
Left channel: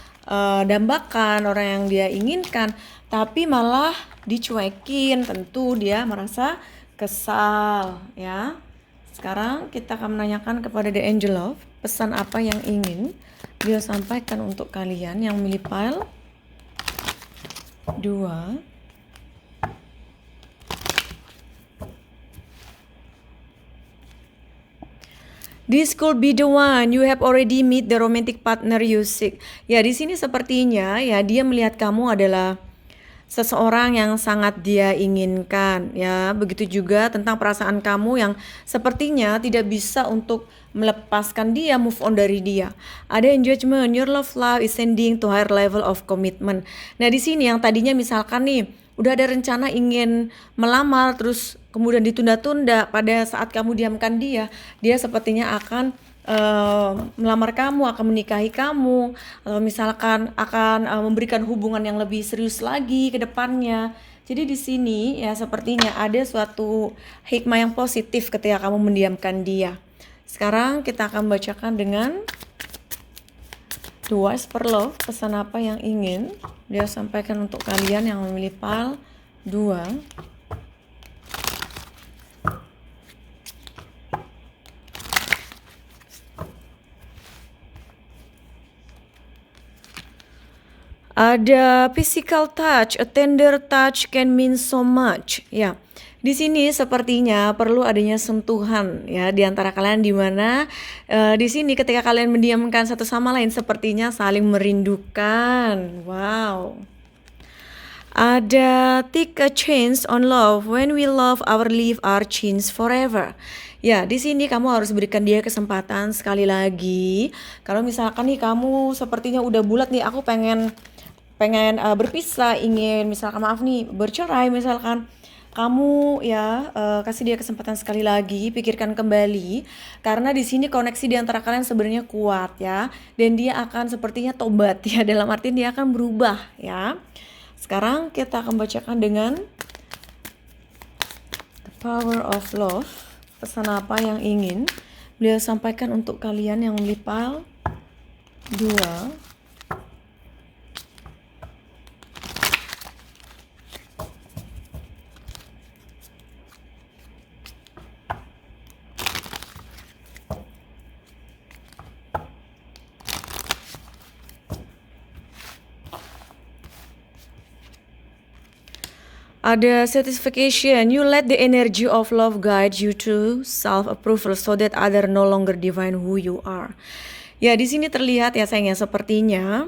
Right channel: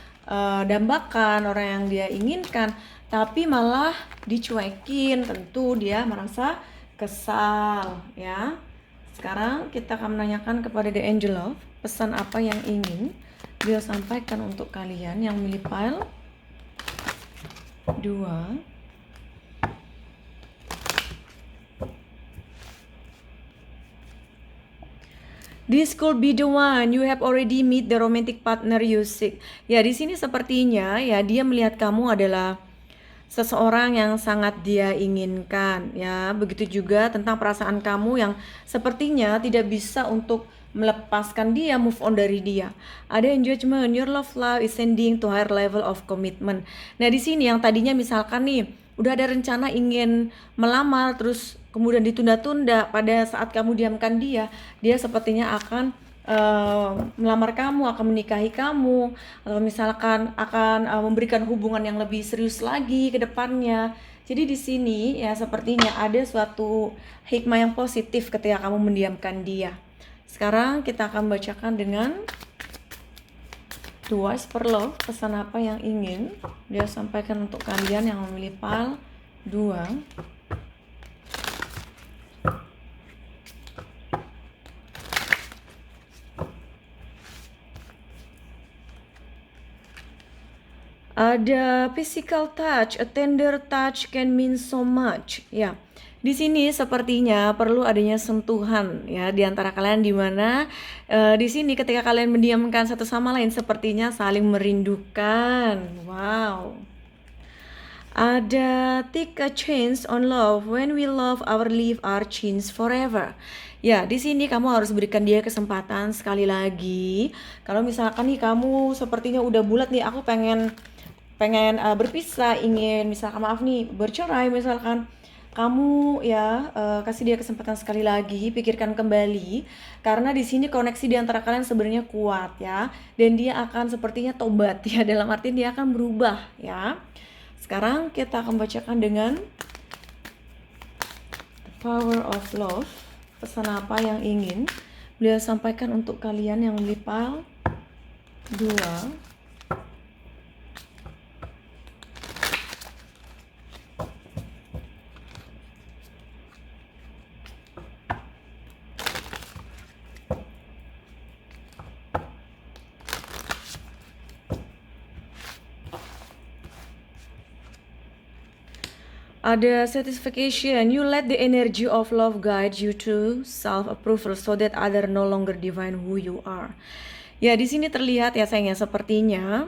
dambakan, orang yang dia inginkan, tapi malah dicuekin. Tentu dia merasa kesal ya. Sekarang kita akan menanyakan kepada the angel love. pesan apa yang ingin dia sampaikan untuk kalian yang memilih pile 2. This could be the one you have already meet the romantic partner you seek. Ya, di sini sepertinya ya dia melihat kamu adalah seseorang yang sangat dia inginkan ya. Begitu juga tentang perasaan kamu yang sepertinya tidak bisa untuk melepaskan dia, move on dari dia. Ada in judgment, your love life is sending to higher level of commitment. Nah, di sini yang tadinya misalkan nih udah ada rencana ingin melamar terus kemudian ditunda-tunda, pada saat kamu diamkan dia sepertinya akan melamar kamu, akan menikahi kamu, atau misalkan akan memberikan hubungan yang lebih serius lagi ke depannya. Jadi di sini ya sepertinya ada suatu hikmah yang positif ketika kamu mendiamkan dia. Sekarang kita akan bacakan dengan The Wise per Love, pesan apa yang ingin dia sampaikan untuk kalian yang memilih pile 2. Ada physical touch, a tender touch can mean so much. Ya, di sini sepertinya perlu adanya sentuhan ya di antara kalian, di mana di sini ketika kalian mendiamkan satu sama lain sepertinya saling merindukan. Wow. Ada take a chance on love. When we love, our life are changed forever. Ya, di sini kamu harus berikan dia kesempatan sekali lagi. Kalau misalkan nih kamu sepertinya udah bulat nih, aku pengen berpisah, ingin misalkan maaf nih bercerai, misalkan kamu ya kasih dia kesempatan sekali lagi, pikirkan kembali, karena di sini koneksi di antara kalian sebenarnya kuat ya, dan dia akan sepertinya tobat ya, dalam arti dia akan berubah ya. Sekarang kita akan bacakan dengan The Power of Love, pesan apa yang ingin beliau sampaikan untuk kalian yang memilih pile 2. Ada satisfaction, you let the energy of love guide you to self-approval so that other no longer define who you are. Ya, di sini terlihat ya sayangnya sepertinya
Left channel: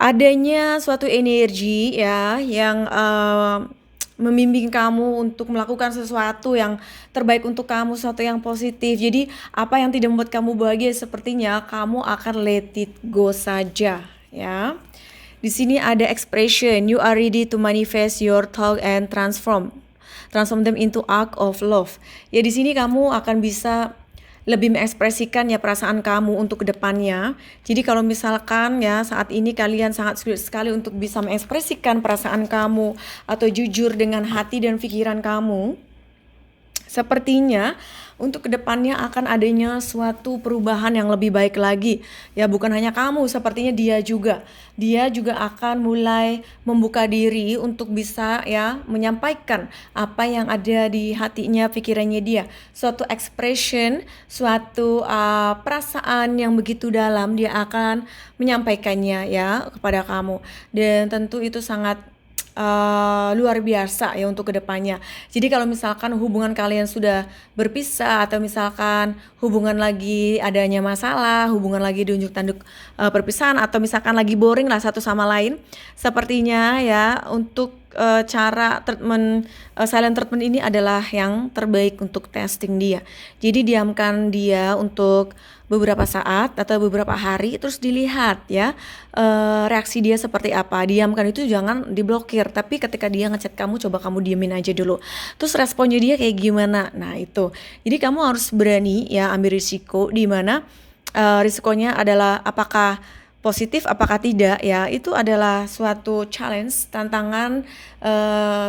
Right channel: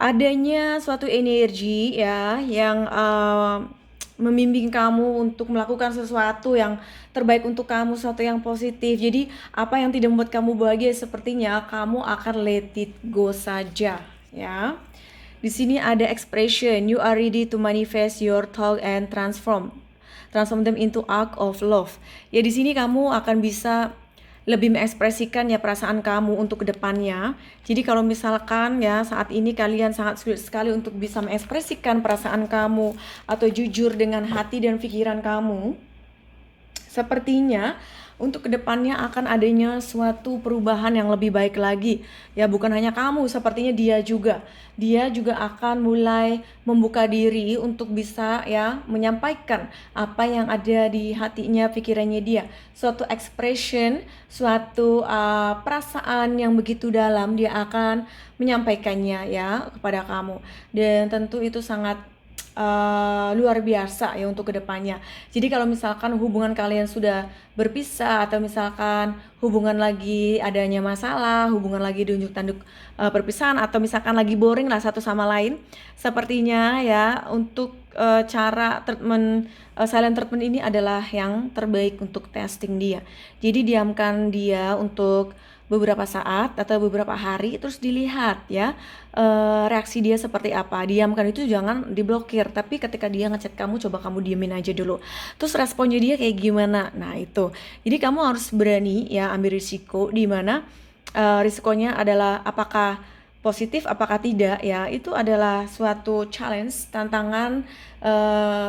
adanya suatu energi ya yang membimbing kamu untuk melakukan sesuatu yang terbaik untuk kamu, sesuatu yang positif. Jadi apa yang tidak membuat kamu bahagia sepertinya kamu akan let it go saja ya. Di sini ada expression, you are ready to manifest your thought and transform them into act of love. Ya, di sini kamu akan bisa lebih mengekspresikan ya perasaan kamu untuk kedepannya. Jadi kalau misalkan ya saat ini kalian sangat sulit sekali untuk bisa mengekspresikan perasaan kamu atau jujur dengan hati dan pikiran kamu, sepertinya untuk kedepannya akan adanya suatu perubahan yang lebih baik lagi. Ya, bukan hanya kamu, sepertinya dia juga akan mulai membuka diri untuk bisa ya menyampaikan apa yang ada di hatinya, pikirannya dia. Suatu expression, suatu perasaan yang begitu dalam dia akan menyampaikannya ya kepada kamu. Dan tentu itu sangat luar biasa ya untuk kedepannya. Jadi kalau misalkan hubungan kalian sudah berpisah, atau misalkan hubungan lagi adanya masalah, hubungan lagi diunjuk tanduk perpisahan, atau misalkan lagi boring lah satu sama lain, sepertinya ya untuk cara treatment silent treatment ini adalah yang terbaik untuk testing dia. Jadi diamkan dia untuk beberapa saat atau beberapa hari, terus dilihat ya reaksi dia seperti apa. Diamkan itu jangan diblokir, tapi ketika dia ngechat kamu, coba kamu diemin aja dulu, terus responnya dia kayak gimana. Nah itu, jadi kamu harus berani ya ambil risiko, di mana risikonya adalah apakah positif apakah tidak ya, itu adalah suatu challenge, tantangan,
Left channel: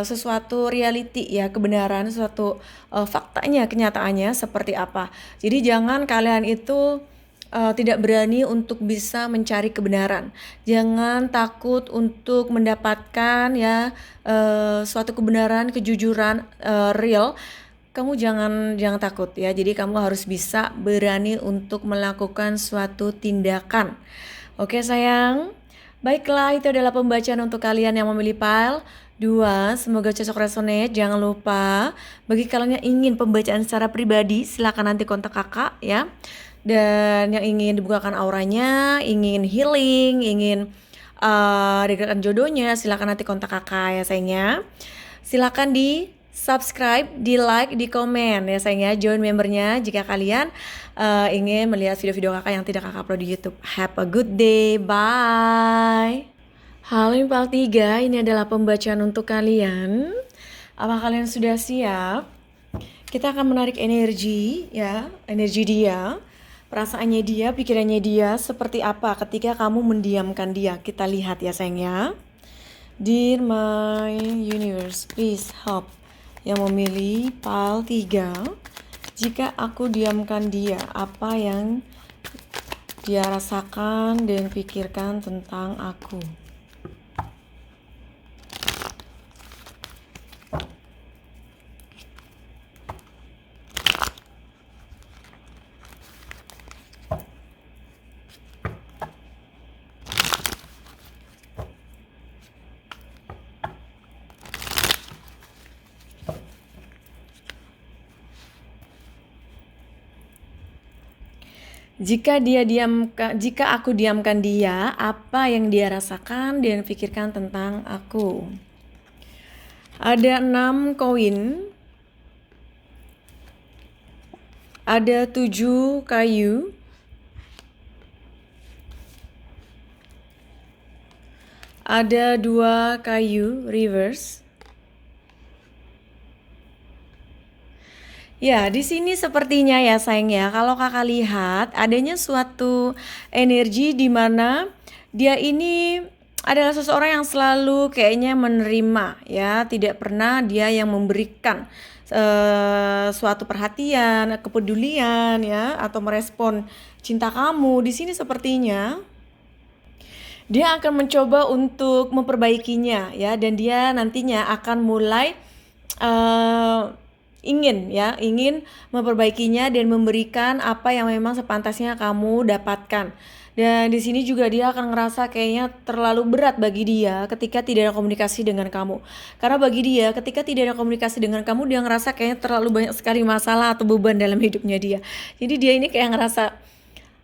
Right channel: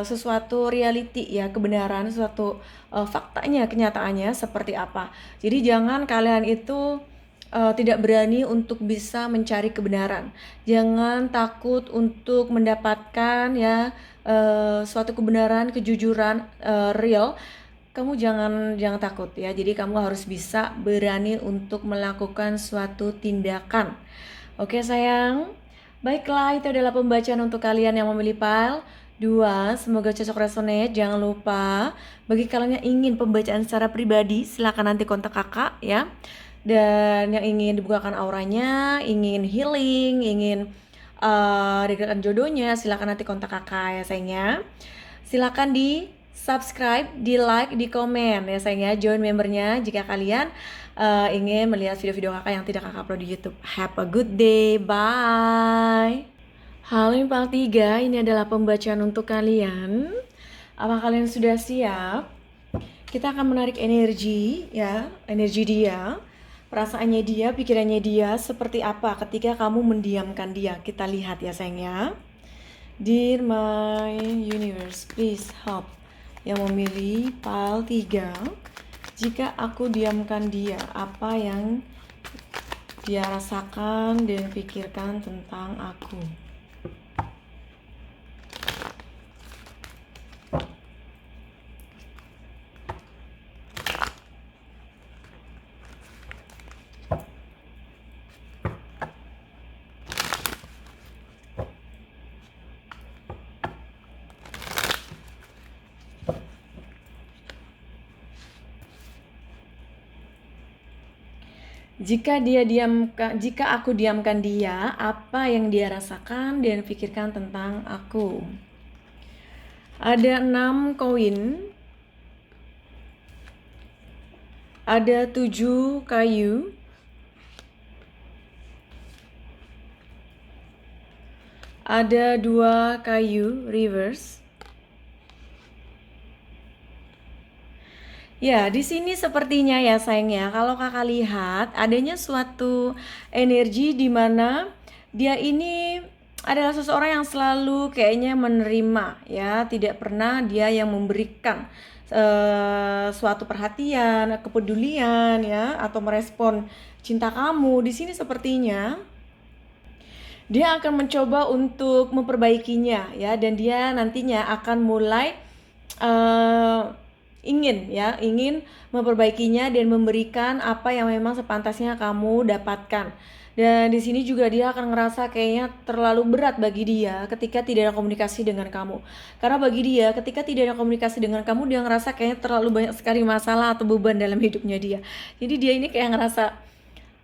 sesuatu reality ya, kebenaran, suatu faktanya, kenyataannya seperti apa. Jadi jangan kalian itu tidak berani untuk bisa mencari kebenaran. Jangan takut untuk mendapatkan ya suatu kebenaran, kejujuran real. kamu jangan takut ya. Jadi kamu harus bisa berani untuk melakukan suatu tindakan. Oke sayang. Baiklah, itu adalah pembacaan untuk kalian yang memilih pile 2. Semoga cocok resonate. Jangan lupa bagi kalian yang ingin pembacaan secara pribadi, silakan nanti kontak kakak ya. Dan yang ingin dibukakan auranya, ingin healing, ingin regretan jodohnya, silakan nanti kontak kakak ya sayangnya. Silakan di subscribe, di like, di komen ya sayangnya. Join membernya jika kalian ingin melihat video-video kakak yang tidak kakak upload di YouTube. Have a good day, bye. Halo Impal 3, ini adalah pembacaan untuk kalian. Apa kalian sudah siap? Kita akan menarik energi ya, energi dia, perasaannya dia, pikirannya dia seperti apa ketika kamu mendiamkan dia. Kita lihat ya sayangnya. Dear my universe, please help. Yang memilih pile 3. Jika aku diamkan dia, apa yang dia rasakan dan pikirkan tentang aku? Jika aku diamkan dia, apa yang dia rasakan dan pikirkan tentang aku? Ada 6 koin. Ada 7 kayu. Ada 2 kayu reverse. Ya, di sini sepertinya ya sayang ya, kalau kakak lihat adanya suatu energi di mana dia ini adalah seseorang yang selalu kayaknya menerima ya, tidak pernah dia yang memberikan suatu perhatian, kepedulian ya, atau merespon cinta kamu. Di sini sepertinya dia akan mencoba untuk memperbaikinya ya, dan dia nantinya akan mulai ingin memperbaikinya dan memberikan apa yang memang sepantasnya kamu dapatkan. Dan di sini juga dia akan ngerasa kayaknya terlalu berat bagi dia ketika tidak ada komunikasi dengan kamu. Karena bagi dia ketika tidak ada komunikasi dengan kamu, dia ngerasa kayaknya terlalu banyak sekali masalah atau beban dalam hidupnya dia. Jadi dia ini kayak ngerasa,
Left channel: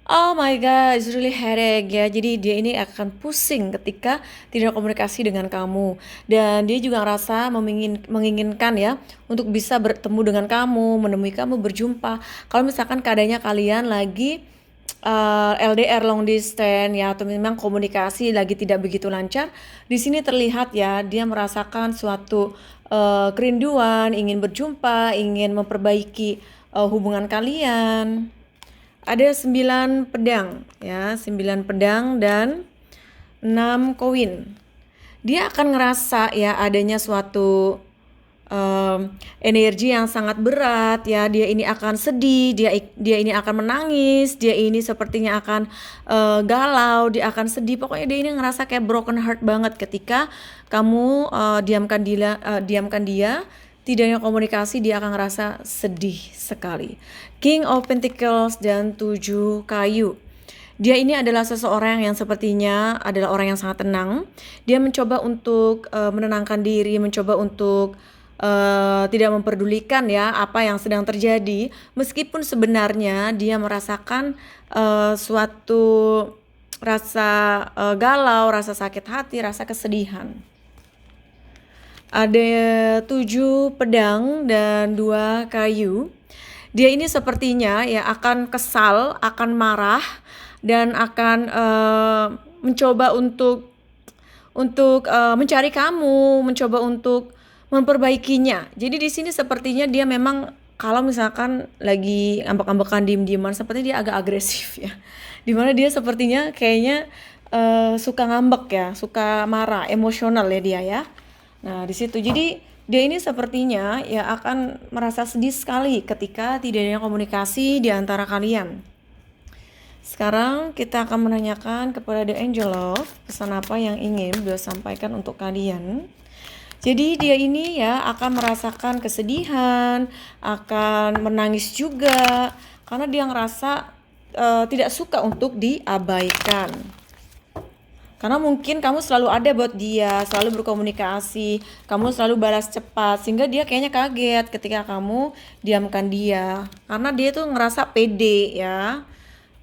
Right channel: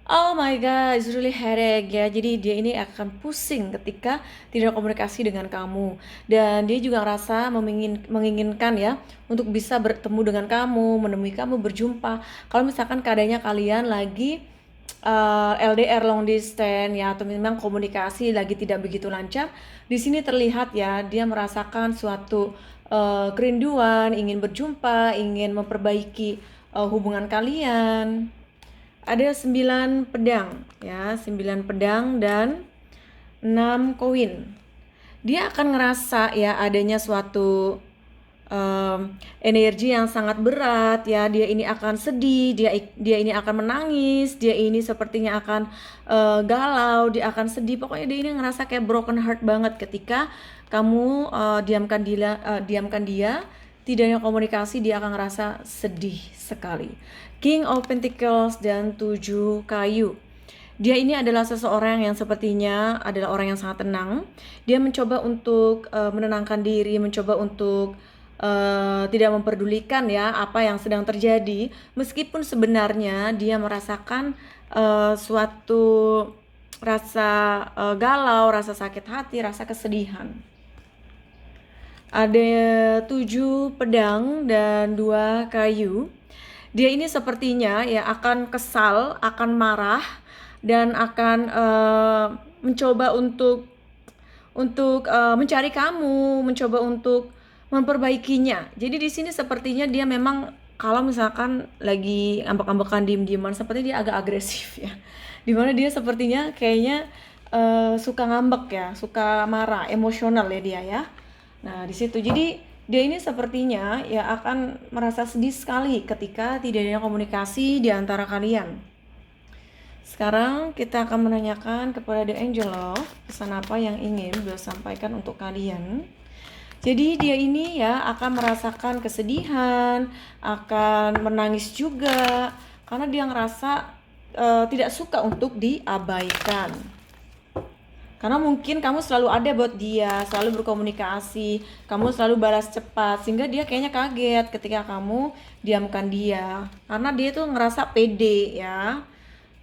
oh my god, it's really headache ya. Jadi dia ini akan pusing ketika tidak komunikasi dengan kamu. Dan dia juga ngerasa menginginkan ya untuk bisa bertemu dengan kamu, menemui kamu, berjumpa. Kalau misalkan keadaannya kalian lagi LDR long distance ya, atau memang komunikasi lagi tidak begitu lancar, di sini terlihat ya dia merasakan suatu kerinduan, ingin berjumpa, ingin memperbaiki hubungan kalian. Ada 9 pedang ya, 9 pedang dan 6 koin. Dia akan ngerasa ya adanya suatu energi yang sangat berat ya. Dia ini akan sedih, dia ini akan menangis, dia ini sepertinya akan galau, dia akan sedih. Pokoknya dia ini ngerasa kayak broken heart banget ketika kamu diamkan dia. Tidak ada komunikasi, dia akan ngerasa sedih sekali. King of Pentacles dan 7 kayu. Dia ini adalah seseorang yang sepertinya adalah orang yang sangat tenang. Dia mencoba untuk menenangkan diri, mencoba untuk tidak memperdulikan ya apa yang sedang terjadi. Meskipun sebenarnya dia merasakan suatu rasa galau, rasa sakit hati, rasa kesedihan. Ada 7 pedang dan 2 kayu. Dia ini sepertinya ya akan kesal, akan marah, dan akan mencoba untuk mencari kamu, mencoba untuk memperbaikinya. Jadi di sini sepertinya dia memang kalau misalkan lagi ngambek-ngambekan diem-dieman, seperti dia agak agresif ya. Dimana dia sepertinya kayaknya suka ngambek ya, suka marah, emosional ya dia ya. Nah di situ jadi dia ini sepertinya ya akan merasa sedih sekali ketika tidak ada komunikasi di antara kalian. Sekarang kita akan menanyakan kepada The Angel Love pesan apa yang ingin beliau sampaikan untuk kalian. Jadi dia ini ya akan merasakan kesedihan, akan menangis juga karena dia ngerasa tidak suka untuk diabaikan. Karena mungkin kamu selalu ada buat dia, selalu berkomunikasi, kamu selalu balas cepat, sehingga dia kayaknya kaget ketika kamu diamkan dia. Karena dia tuh ngerasa pede ya.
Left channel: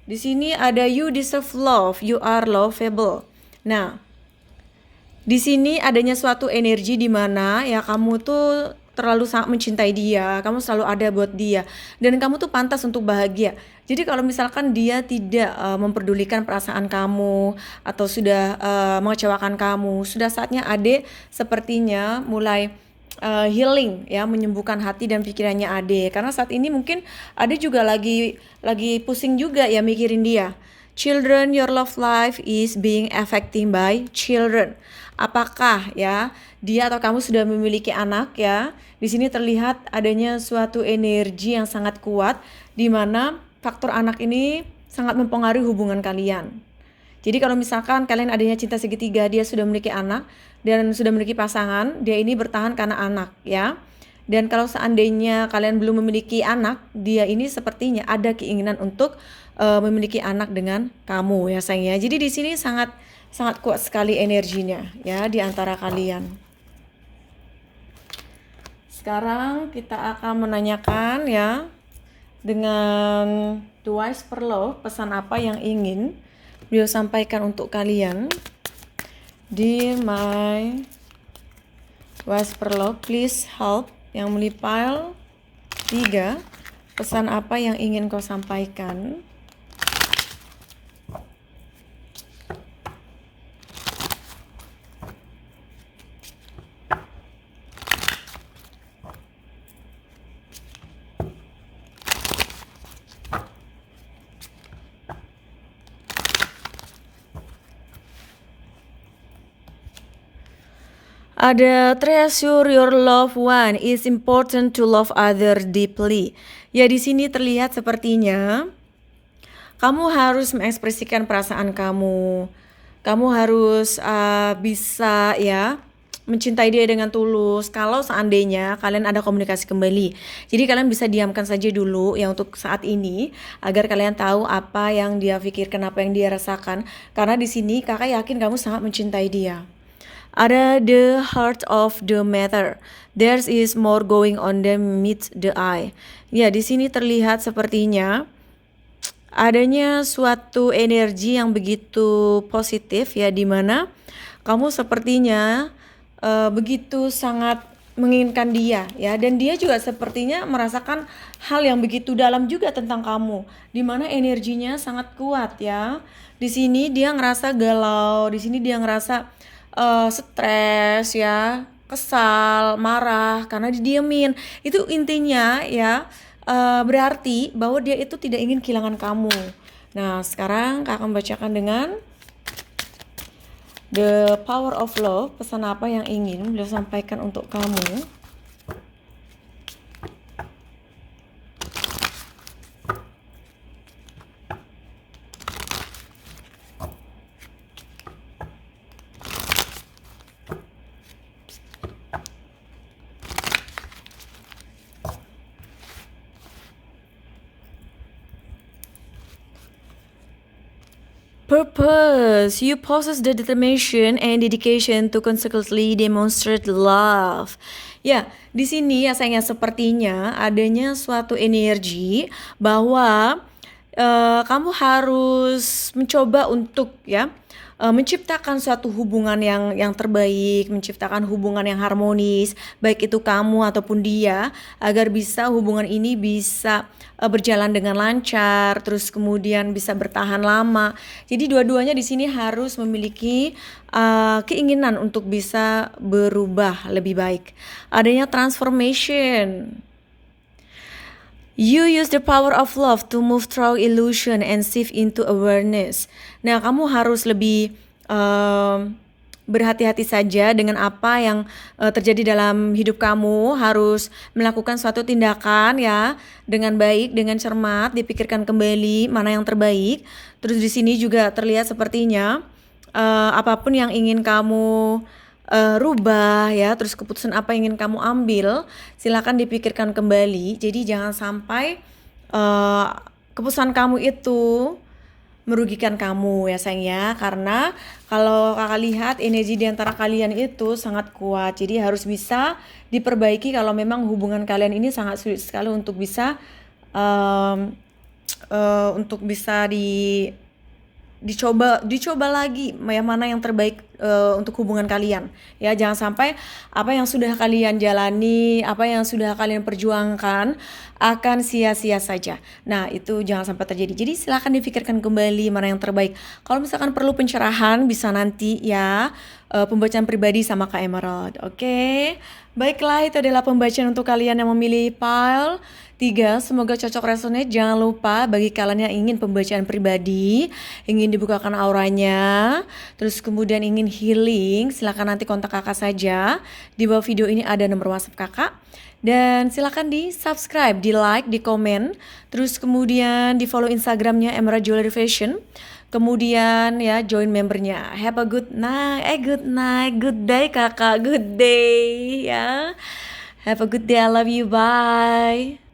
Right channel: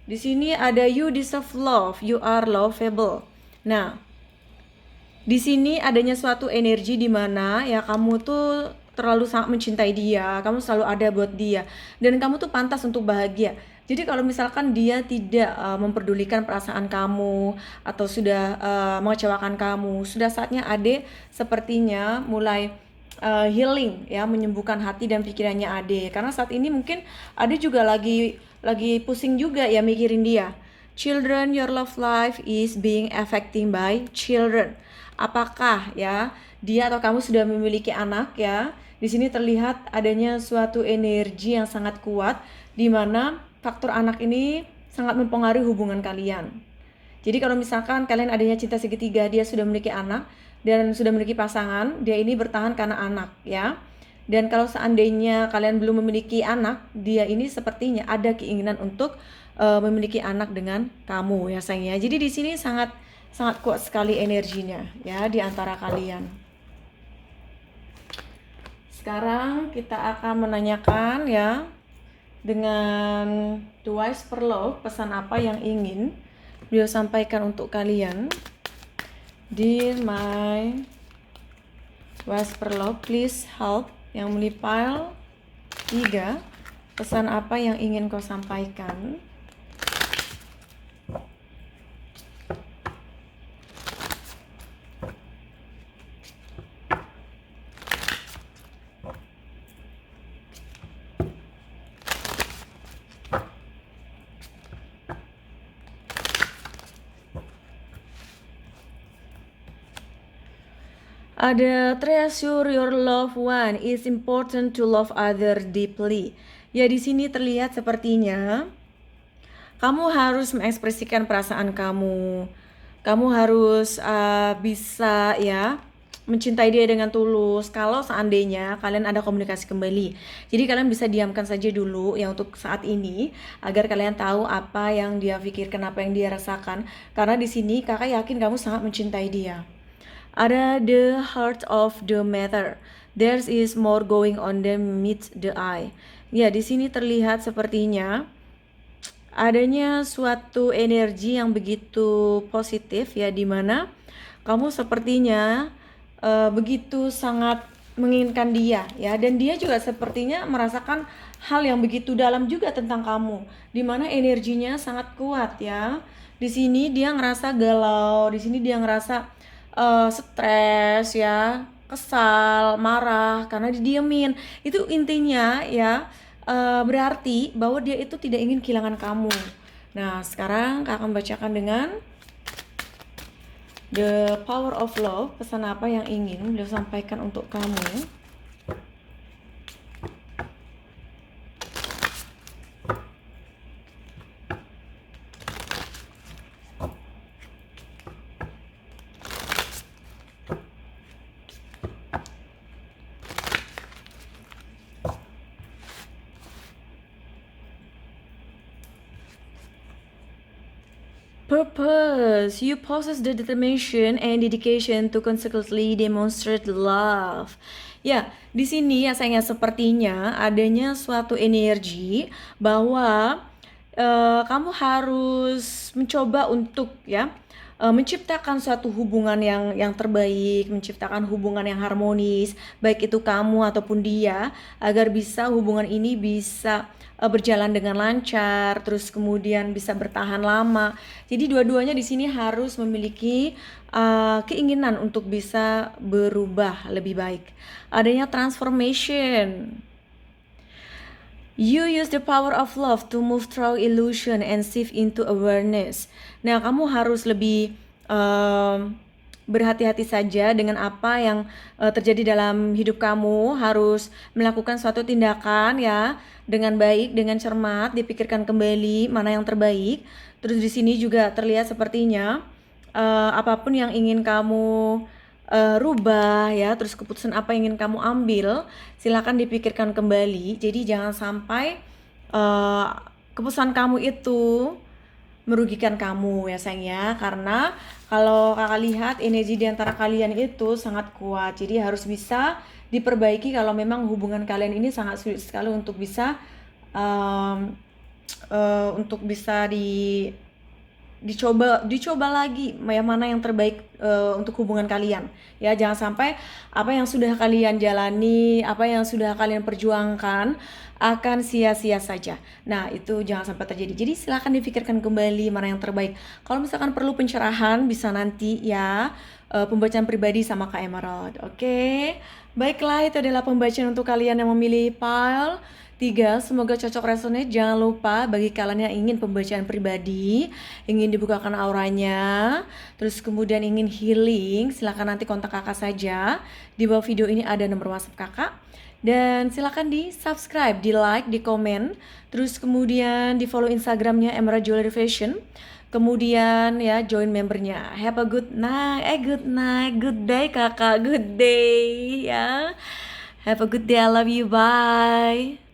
Di sini ada you deserve love, you are lovable. Nah, di sini adanya suatu energi di mana ya kamu tuh terlalu sangat mencintai dia, kamu selalu ada buat dia, dan kamu tuh pantas untuk bahagia. Jadi kalau misalkan dia tidak memperdulikan perasaan kamu atau sudah mengecewakan kamu, sudah saatnya Ade sepertinya mulai healing ya, menyembuhkan hati dan pikirannya Ade. Karena saat ini mungkin Ade juga lagi pusing juga ya mikirin dia. Children, your love life is being affected by children. Apakah ya dia atau kamu sudah memiliki anak ya? Di sini terlihat adanya suatu energi yang sangat kuat di mana faktor anak ini sangat mempengaruhi hubungan kalian. Jadi kalau misalkan kalian adanya cinta segitiga, dia sudah memiliki anak dan sudah memiliki pasangan, dia ini bertahan karena anak ya. Dan kalau seandainya kalian belum memiliki anak, dia ini sepertinya ada keinginan untuk memiliki anak dengan kamu ya sayang ya. Jadi di sini sangat kuat sekali energinya ya di antara kalian. Sekarang kita akan menanyakan ya dengan The Wise Per Love, pesan apa yang ingin beliau sampaikan untuk kalian. Dear my Wise Per Love, please help. Yang melipal 3, pesan apa yang ingin kau sampaikan? Ada treasure your loved one, is important to love other deeply. Ya di sini terlihat sepertinya kamu harus mengekspresikan perasaan kamu. Kamu harus bisa ya mencintai dia dengan tulus. Kalau seandainya kalian ada komunikasi kembali, jadi kalian bisa diamkan saja dulu ya untuk saat ini agar kalian tahu apa yang dia pikirkan, apa yang dia rasakan. Karena di sini kakak yakin kamu sangat mencintai dia. Ada the heart of the matter. There is more going on than meets the eye. Ya, di sini terlihat sepertinya adanya suatu energi yang begitu positif ya, di mana kamu sepertinya begitu sangat menginginkan dia ya, dan dia juga sepertinya merasakan hal yang begitu dalam juga tentang kamu, di mana energinya sangat kuat ya. Di sini dia ngerasa galau, di sini dia ngerasa stres ya, kesal, marah karena didiemin. Itu intinya ya, berarti bahwa dia itu tidak ingin kehilangan kamu. Nah sekarang kakak akan bacakan dengan The Power of Love, pesan apa yang ingin beliau sampaikan untuk kamu. Purpose, you possess the determination and dedication to consequently demonstrate love. Ya, di sini ya sayangnya sepertinya adanya suatu energi bahwa kamu harus mencoba untuk ya menciptakan suatu hubungan yang terbaik, menciptakan hubungan yang harmonis, baik itu kamu ataupun dia, agar bisa hubungan ini bisa berjalan dengan lancar, terus kemudian bisa bertahan lama. Jadi dua-duanya di sini harus memiliki keinginan untuk bisa berubah lebih baik. Adanya transformation. You use the power of love to move through illusion and shift into awareness. Nah, kamu harus lebih berhati-hati saja dengan apa yang terjadi dalam hidup kamu. Harus melakukan suatu tindakan ya dengan baik, dengan cermat, dipikirkan kembali mana yang terbaik. Terus di sini juga terlihat sepertinya apapun yang ingin kamu rubah ya, terus keputusan apa yang ingin kamu ambil, silakan dipikirkan kembali. Jadi jangan sampai keputusan kamu itu merugikan kamu ya sayang ya, karena kalau kakak lihat energi di antara kalian itu sangat kuat, jadi harus bisa diperbaiki kalau memang hubungan kalian ini sangat sulit sekali untuk bisa um, untuk bisa dicoba lagi yang mana yang terbaik untuk hubungan kalian ya. Jangan sampai apa yang sudah kalian jalani, apa yang sudah kalian perjuangkan akan sia-sia saja. Nah itu jangan sampai terjadi, jadi silahkan dipikirkan kembali mana yang terbaik. Kalau misalkan perlu pencerahan bisa nanti ya pembacaan pribadi sama Kak Emerald. Oke, baiklah, itu adalah pembacaan untuk kalian yang memilih pile 3. Semoga cocok resonate. Jangan lupa bagi kalian yang ingin pembacaan pribadi, ingin dibukakan auranya, terus kemudian ingin healing, silakan nanti kontak kakak saja. Di bawah video ini ada nomor WhatsApp kakak. Dan silakan di subscribe, di like, di komen, terus kemudian di follow Instagramnya Emerald Jewelry Fashion. Kemudian ya join membernya. Have a good night, good day kakak, good day ya. Have a good day, I love you, bye.